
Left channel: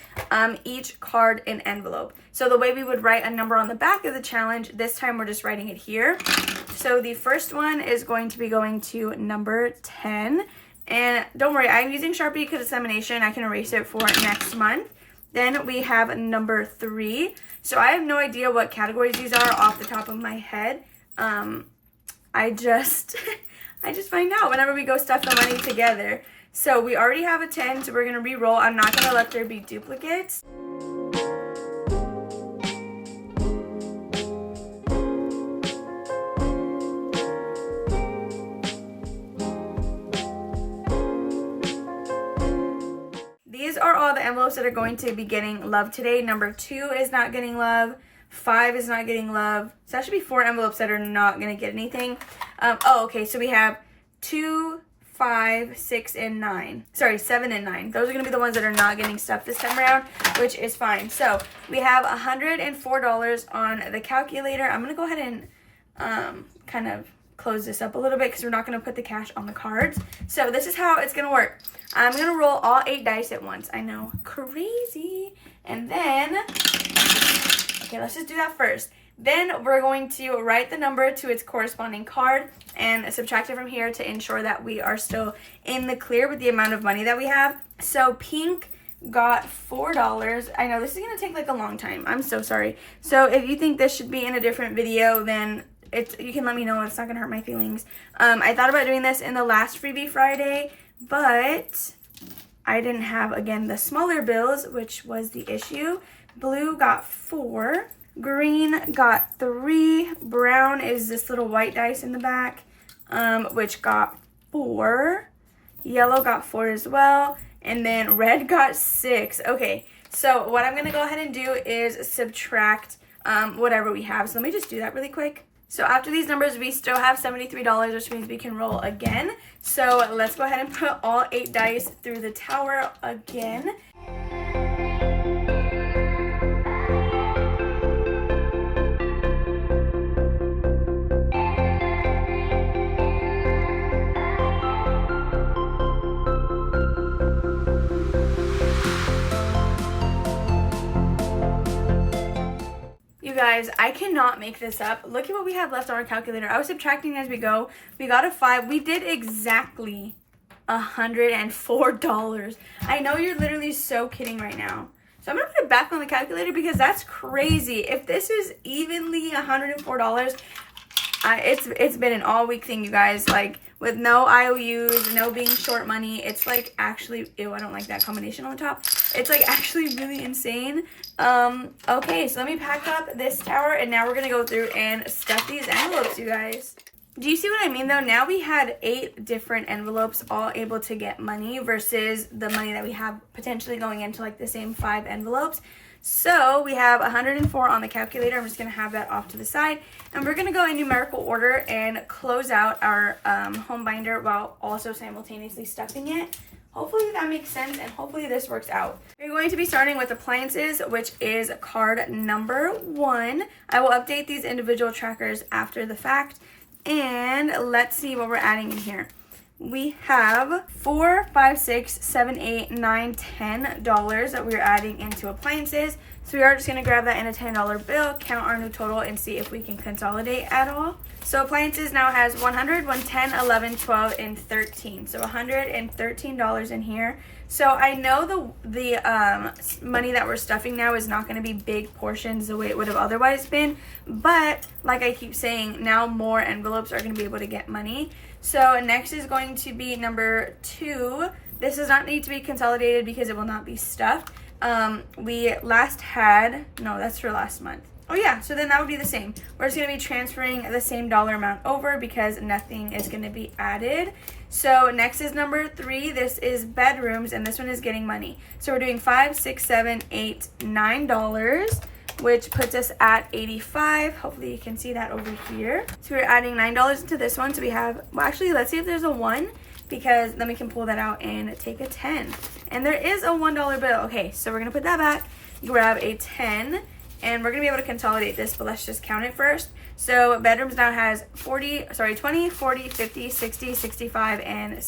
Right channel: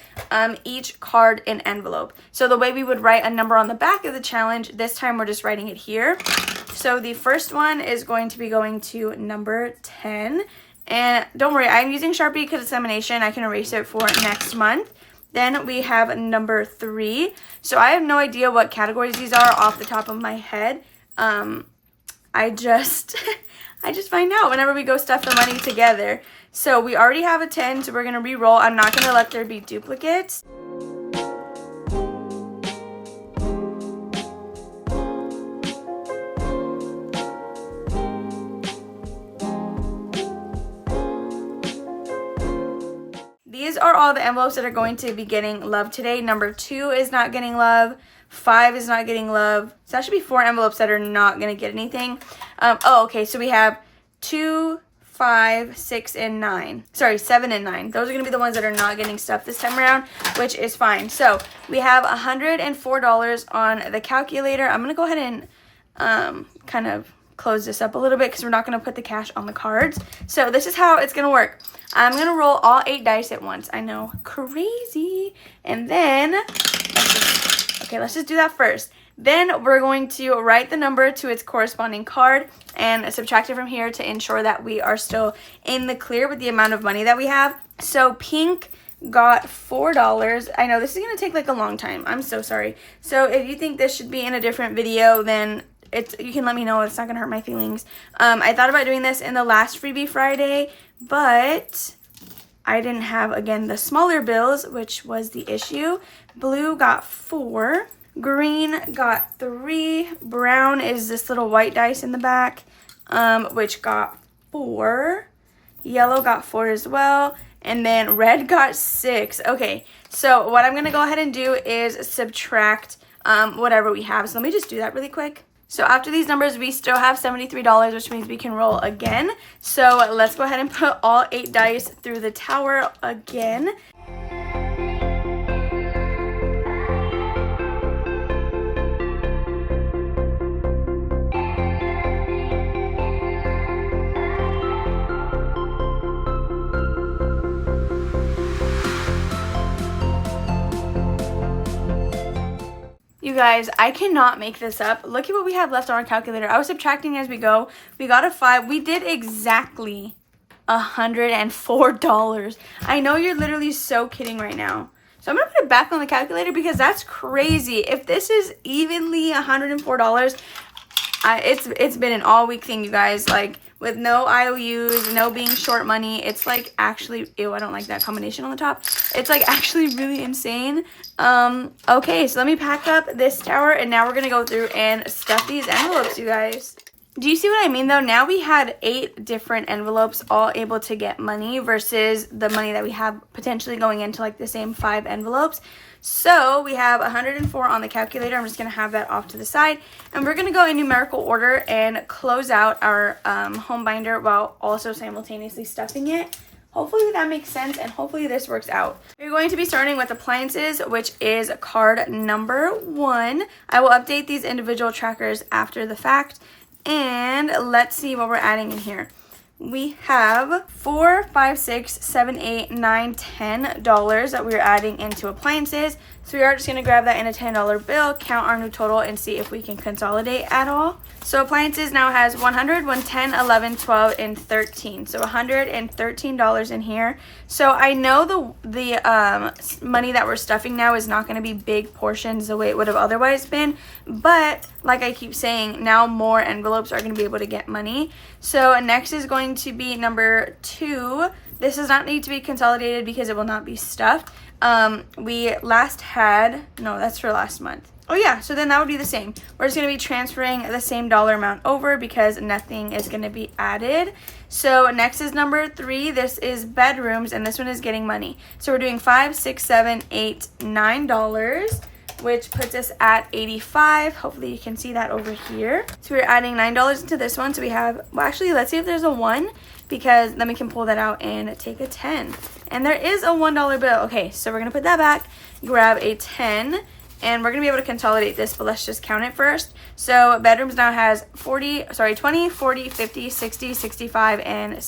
each card an envelope. So the way we would write a number on the back of the challenge, this time we're just writing it here. So the first one is going to be going to number 10. And don't worry, I'm using Sharpie because it's lamination. I can erase it for next month. Then we have number 3. So I have no idea what categories these are off the top of my head. I just find out whenever we go stuff the money together. So we already have a 10, so we're going to re-roll. I'm not going to let there be duplicates. These are all the envelopes that are going to be getting love today. Number 2 is not getting love. 5 is not getting love. So that should be 4 envelopes that are not going to get anything. Okay. So we have 2, 5, 6, and 9. Sorry, 7 and 9. Those are going to be the ones that are not getting stuff this time around, which is fine. So we have $104 on the calculator. I'm going to go ahead and kind of close this up a little bit because we're not going to put the cash on the cards. So this is how it's going to work. I'm going to roll all 8 dice at once. I know, crazy. And then, let's just do that first. Then we're going to write the number to its corresponding card and subtract it from here to ensure that we are still in the clear with the amount of money that we have. So pink got $4. I know this is going to take like a long time. I'm so sorry. So if you think this should be in a different video, then you can let me know. It's not going to hurt my feelings. I thought about doing this in the last Freebie Friday, but I didn't have, again, the smaller bills, which was the issue. Blue got 4. Green got 3. Brown is this little white dice in the back, which got 4. Yellow got 4 as well. And then red got 6. Okay, so what I'm going to go ahead and do is subtract whatever we have. So let me just do that really quick. So after these numbers, we still have $73, which means we can roll again. So let's go ahead and put all 8 dice through the tower again. You guys, I cannot make this up. Look at what we have left on our calculator. I was subtracting as we go. We got a 5. We did exactly $104. I know you're literally so kidding right now. So I'm going to put it back on the calculator because that's crazy. If this is evenly $104, it's been an all week thing, you guys. Like, with no IOUs, no being short money. It's like actually, ew, I don't like that combination on the top. It's like actually really insane. Okay, so let me pack up this tower and now we're gonna go through and stuff these envelopes, you guys. Do you see what I mean though? Now we had 8 different envelopes all able to get money versus the money that we have potentially going into like the same 5 envelopes. So we have 104 on the calculator. I'm just going to have that off to the side. And we're going to go in numerical order and close out our home binder while also simultaneously stuffing it. Hopefully that makes sense and hopefully this works out. We're going to be starting with appliances, which is card number 1. I will update these individual trackers after the fact. And let's see what we're adding in here. we have $4, $5, $6, $7, $8, $9, $10 that we're adding into appliances. So we are just going to grab that in a $10 bill, count our new total, and see if we can consolidate at all. So appliances now has 100, 110, 11, 12, and 13. So $113 in here. So I know the money that we're stuffing now is not going to be big portions the way it would have otherwise been. But like I keep saying, now more envelopes are going to be able to get money. So next is going to be number 2. This does not need to be consolidated because it will not be stuffed. We last had, no, that's for last month. Oh yeah, so then that would be the same. We're just going to be transferring the same dollar amount over because nothing is going to be added. So next is number 3. This is bedrooms, and this one is getting money. So we're doing $5, $6, $7, $8, $9, which puts us at $85. Hopefully you can see that over here. So we're adding $9 into this one. So we have, well actually, let's see if there's a 1, because then we can pull that out and take a 10. And there is a $1 bill. Okay, so we're going to put that back, grab a 10, and we're going to be able to consolidate this, but let's just count it first. So bedrooms now has 20, 40, 50, 60, 65, and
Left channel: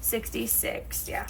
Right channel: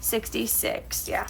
66. Yeah,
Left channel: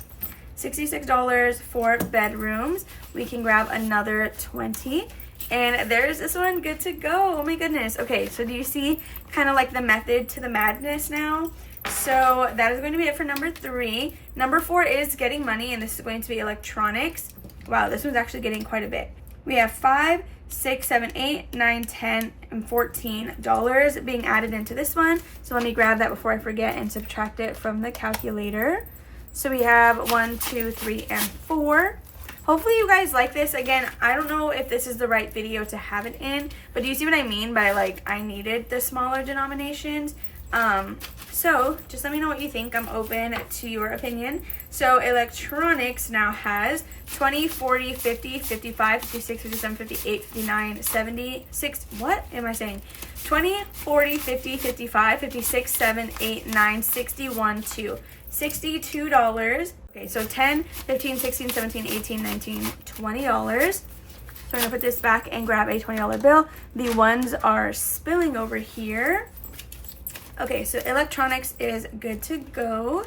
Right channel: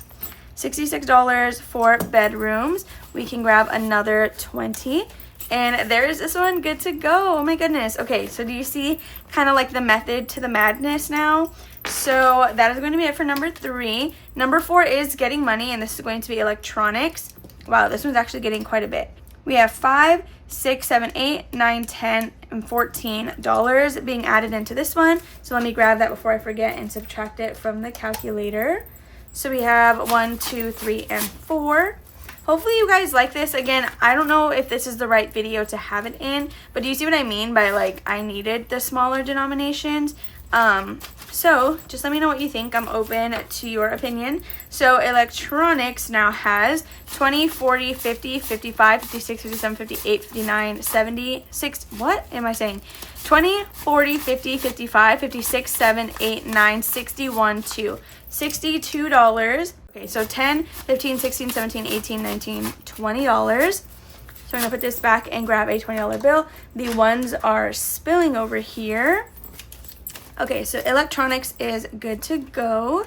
$66 for bedrooms. We can grab another 20. And there's this one, good to go. Oh my goodness. Okay, so do you see kind of like the method to the madness now? So that is going to be it for number 3. Number 4 is getting money, and this is going to be electronics. Wow, this one's actually getting quite a bit. We have $5, $6, $7, $8, $9, $10, and $14 being added into this one. So let me grab that before I forget and subtract it from the calculator. So we have 1, 2, 3, and 4. Hopefully you guys like this. Again, I don't know if this is the right video to have it in, but do you see what I mean by like I needed the smaller denominations? So just let me know what you think. I'm open to your opinion. So electronics now has 20, 40, 50, 55, 56, 57, 58, 59, 70, 60, what am I saying? 20, 40, 50, 55, 56, 7, 8, 9, 61, 2. $62. Okay, so 10, 15, 16, 17, 18, 19, $20. So I'm gonna put this back and grab a $20 bill. The ones are spilling over here. Okay, so electronics is good to go.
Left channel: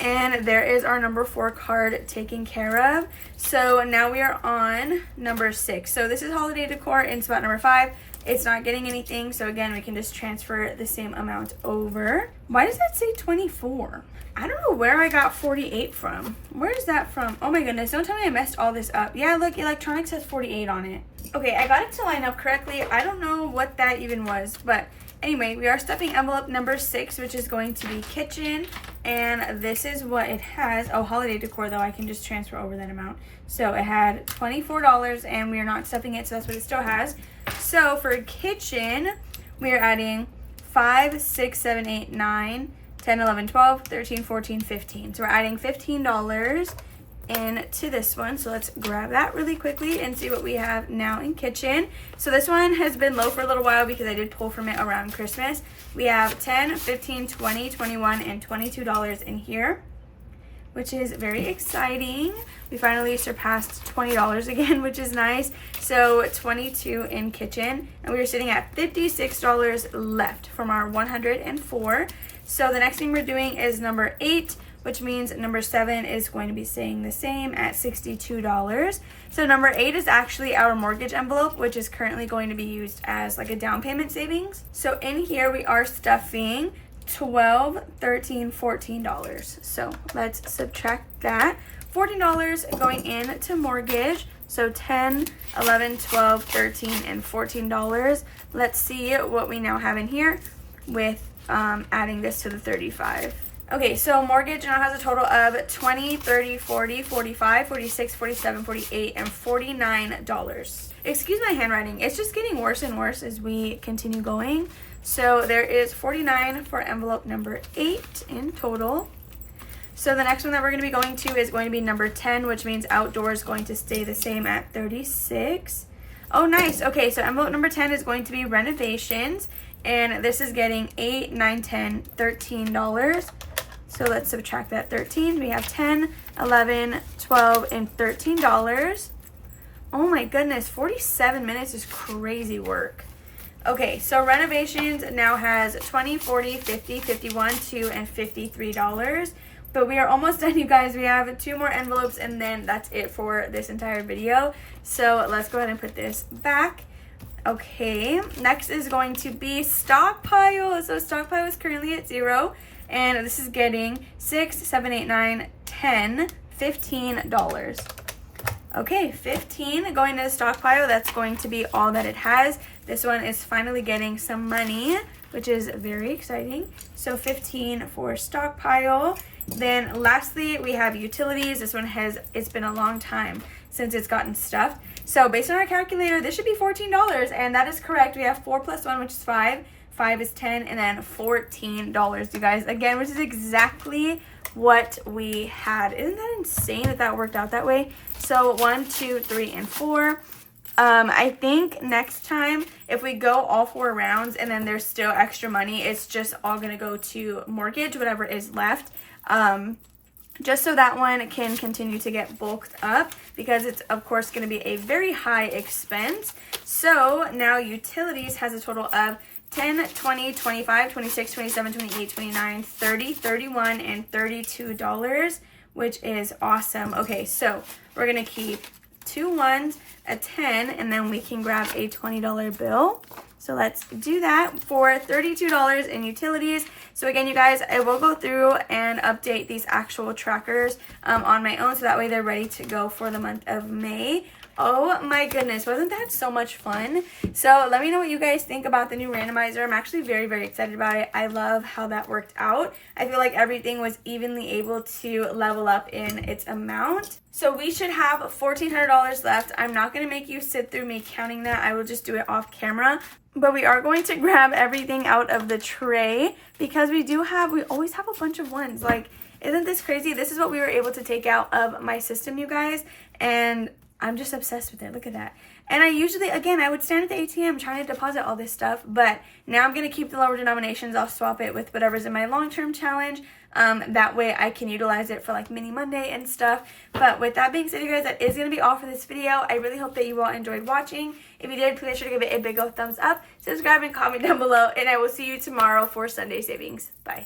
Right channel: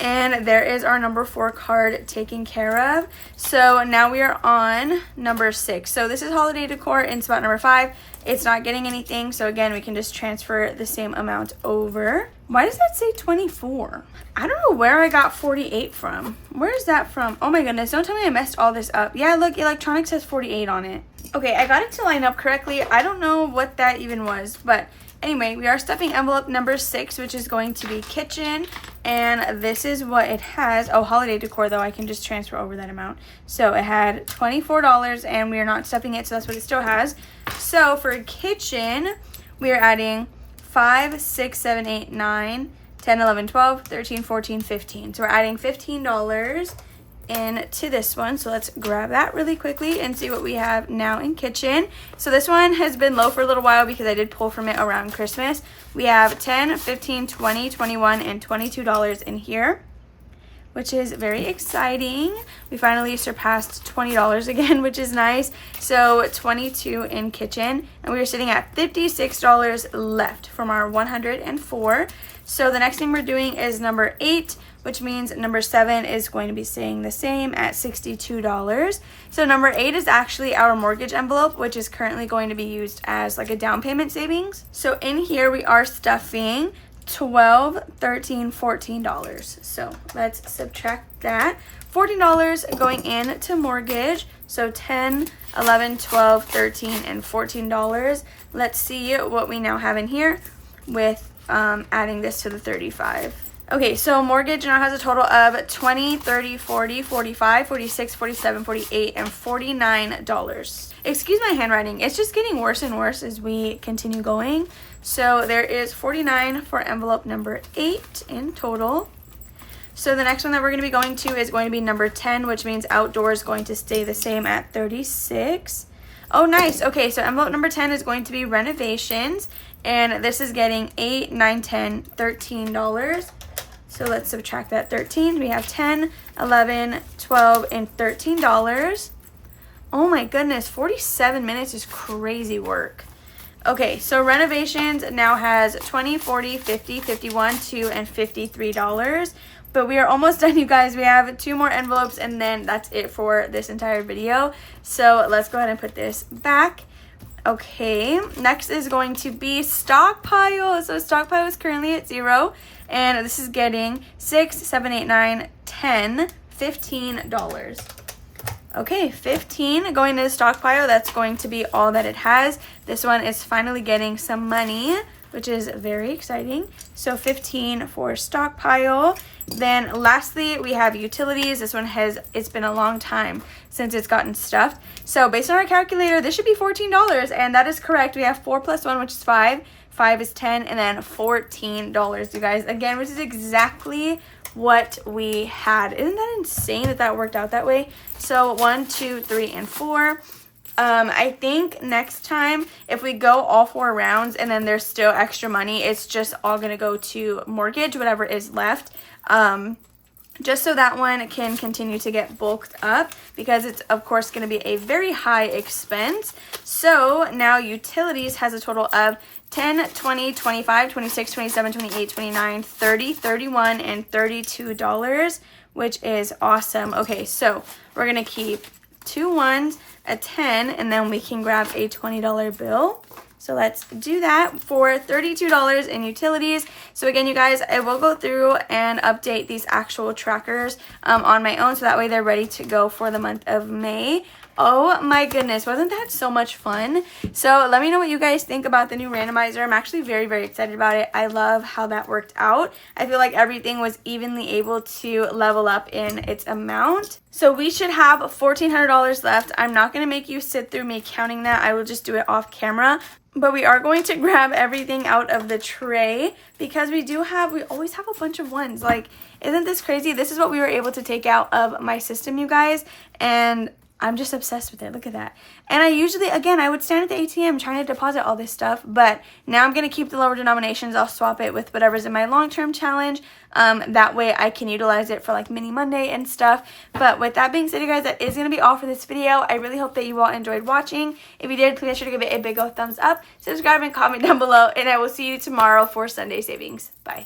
And there is our number 4 card taken care of. So now we are on number 6. So this is holiday decor in spot number 5. It's not getting anything. So again, we can just transfer the same amount over. Why does that say 24? I don't know where I got 48 from. Where is that from? Oh my goodness, don't tell me I messed all this up. Yeah, look, electronics has 48 on it. Okay, I got it to line up correctly. I don't know what that even was, but anyway, we are stuffing envelope number 6, which is going to be kitchen, and this is what it has. Oh, holiday decor though, I can just transfer over that amount. So it had $24, and we are not stuffing it, so that's what it still has. So for kitchen, we are adding 5, 6, 7, 8, 9, 10, 11, 12, 13, 14, 15. So we're adding $15 into this one. So let's grab that really quickly and see what we have now in kitchen. So this one has been low for a little while because I did pull from it around Christmas. We have 10, 15, 20, 21, and $22 in here, which is very exciting. We finally surpassed $20 again, which is nice. So 22 in kitchen, and we are sitting at $56 left from our 104. So the next thing we're doing is number 8, which means number 7 is going to be staying the same at $62. So number 8 is actually our mortgage envelope, which is currently going to be used as like a down payment savings. So in here we are stuffing $12, $13, $14. So let's subtract that. $14 going into mortgage. So 10, 11, 12, 13, and $14. Let's see what we now have in here with adding this to the 35. Okay, so mortgage now has a total of 20, 30, 40, 45, 46, 47, 48, and $49. Excuse my handwriting. It's just getting worse and worse as we continue going. So there is 49 for envelope number 8 in total. So the next one that we're going to be going to is going to be number 10, which means outdoor is going to stay the same at 36. Oh, nice. Okay, so envelope number 10 is going to be renovations, and this is getting $8, $9, $10, $13. So let's subtract that 13. We have 10, 11, 12, and $13. Oh my goodness, 47 minutes is crazy work. Okay, so renovations now has $20, $40, $50, $51, $2, and $53. But we are almost done, you guys. We have 2 more envelopes, and then that's it for this entire video. So let's go ahead and put this back. Okay, next is going to be stockpile. So stockpile is currently at 0, and this is getting $6, $7, $8, $9, $10, $15. Okay, 15 going to the stockpile. That's going to be all that it has. This one is finally getting some money, which is very exciting. So 15 for stockpile. Then lastly, we have utilities. This one it's been a long time since it's gotten stuffed. So based on our calculator, this should be $14, and that is correct. We have 4 plus 1, which is 5. 5 is 10, and then $14, you guys. Again, which is exactly what we had. Isn't that insane that that worked out that way? So 1, 2, 3, and 4. I think next time, if we go all 4 rounds and then there's still extra money, it's just all gonna go to mortgage, whatever is left. Just so that one can continue to get bulked up, because it's of course going to be a very high expense. So now utilities has a total of 10, 20, 25, 26, 27, 28, 29, 30, 31, and $32, which is awesome. Okay, so we're going to keep 2 ones, a 10, and then we can grab a $20 bill. So let's do that for $32 in utilities. So again, you guys, I will go through and update these actual trackers on my own, so that way they're ready to go for the month of May. Oh my goodness, wasn't that so much fun? So let me know what you guys think about the new randomizer. I'm actually very, very excited about it. I love how that worked out. I feel like everything was evenly able to level up in its amount. So we should have $1,400 left. I'm not going to make you sit through me counting that. I will just do it off camera. But we are going to grab everything out of the tray, because we always have a bunch of ones. Like, isn't this crazy? This is what we were able to take out of my system, you guys. And I'm just obsessed with it. Look at that. And I usually, again, I would stand at the ATM trying to deposit all this stuff, but now I'm going to keep the lower denominations. I'll swap it with whatever's in my long-term challenge. That way I can utilize it for like mini Monday and stuff. But with that being said, you guys, that is going to be all for this video. I really hope that you all enjoyed watching. If you did, please make sure to give it a big old thumbs up, subscribe, and comment down below, and I will see you tomorrow for Sunday savings. Bye.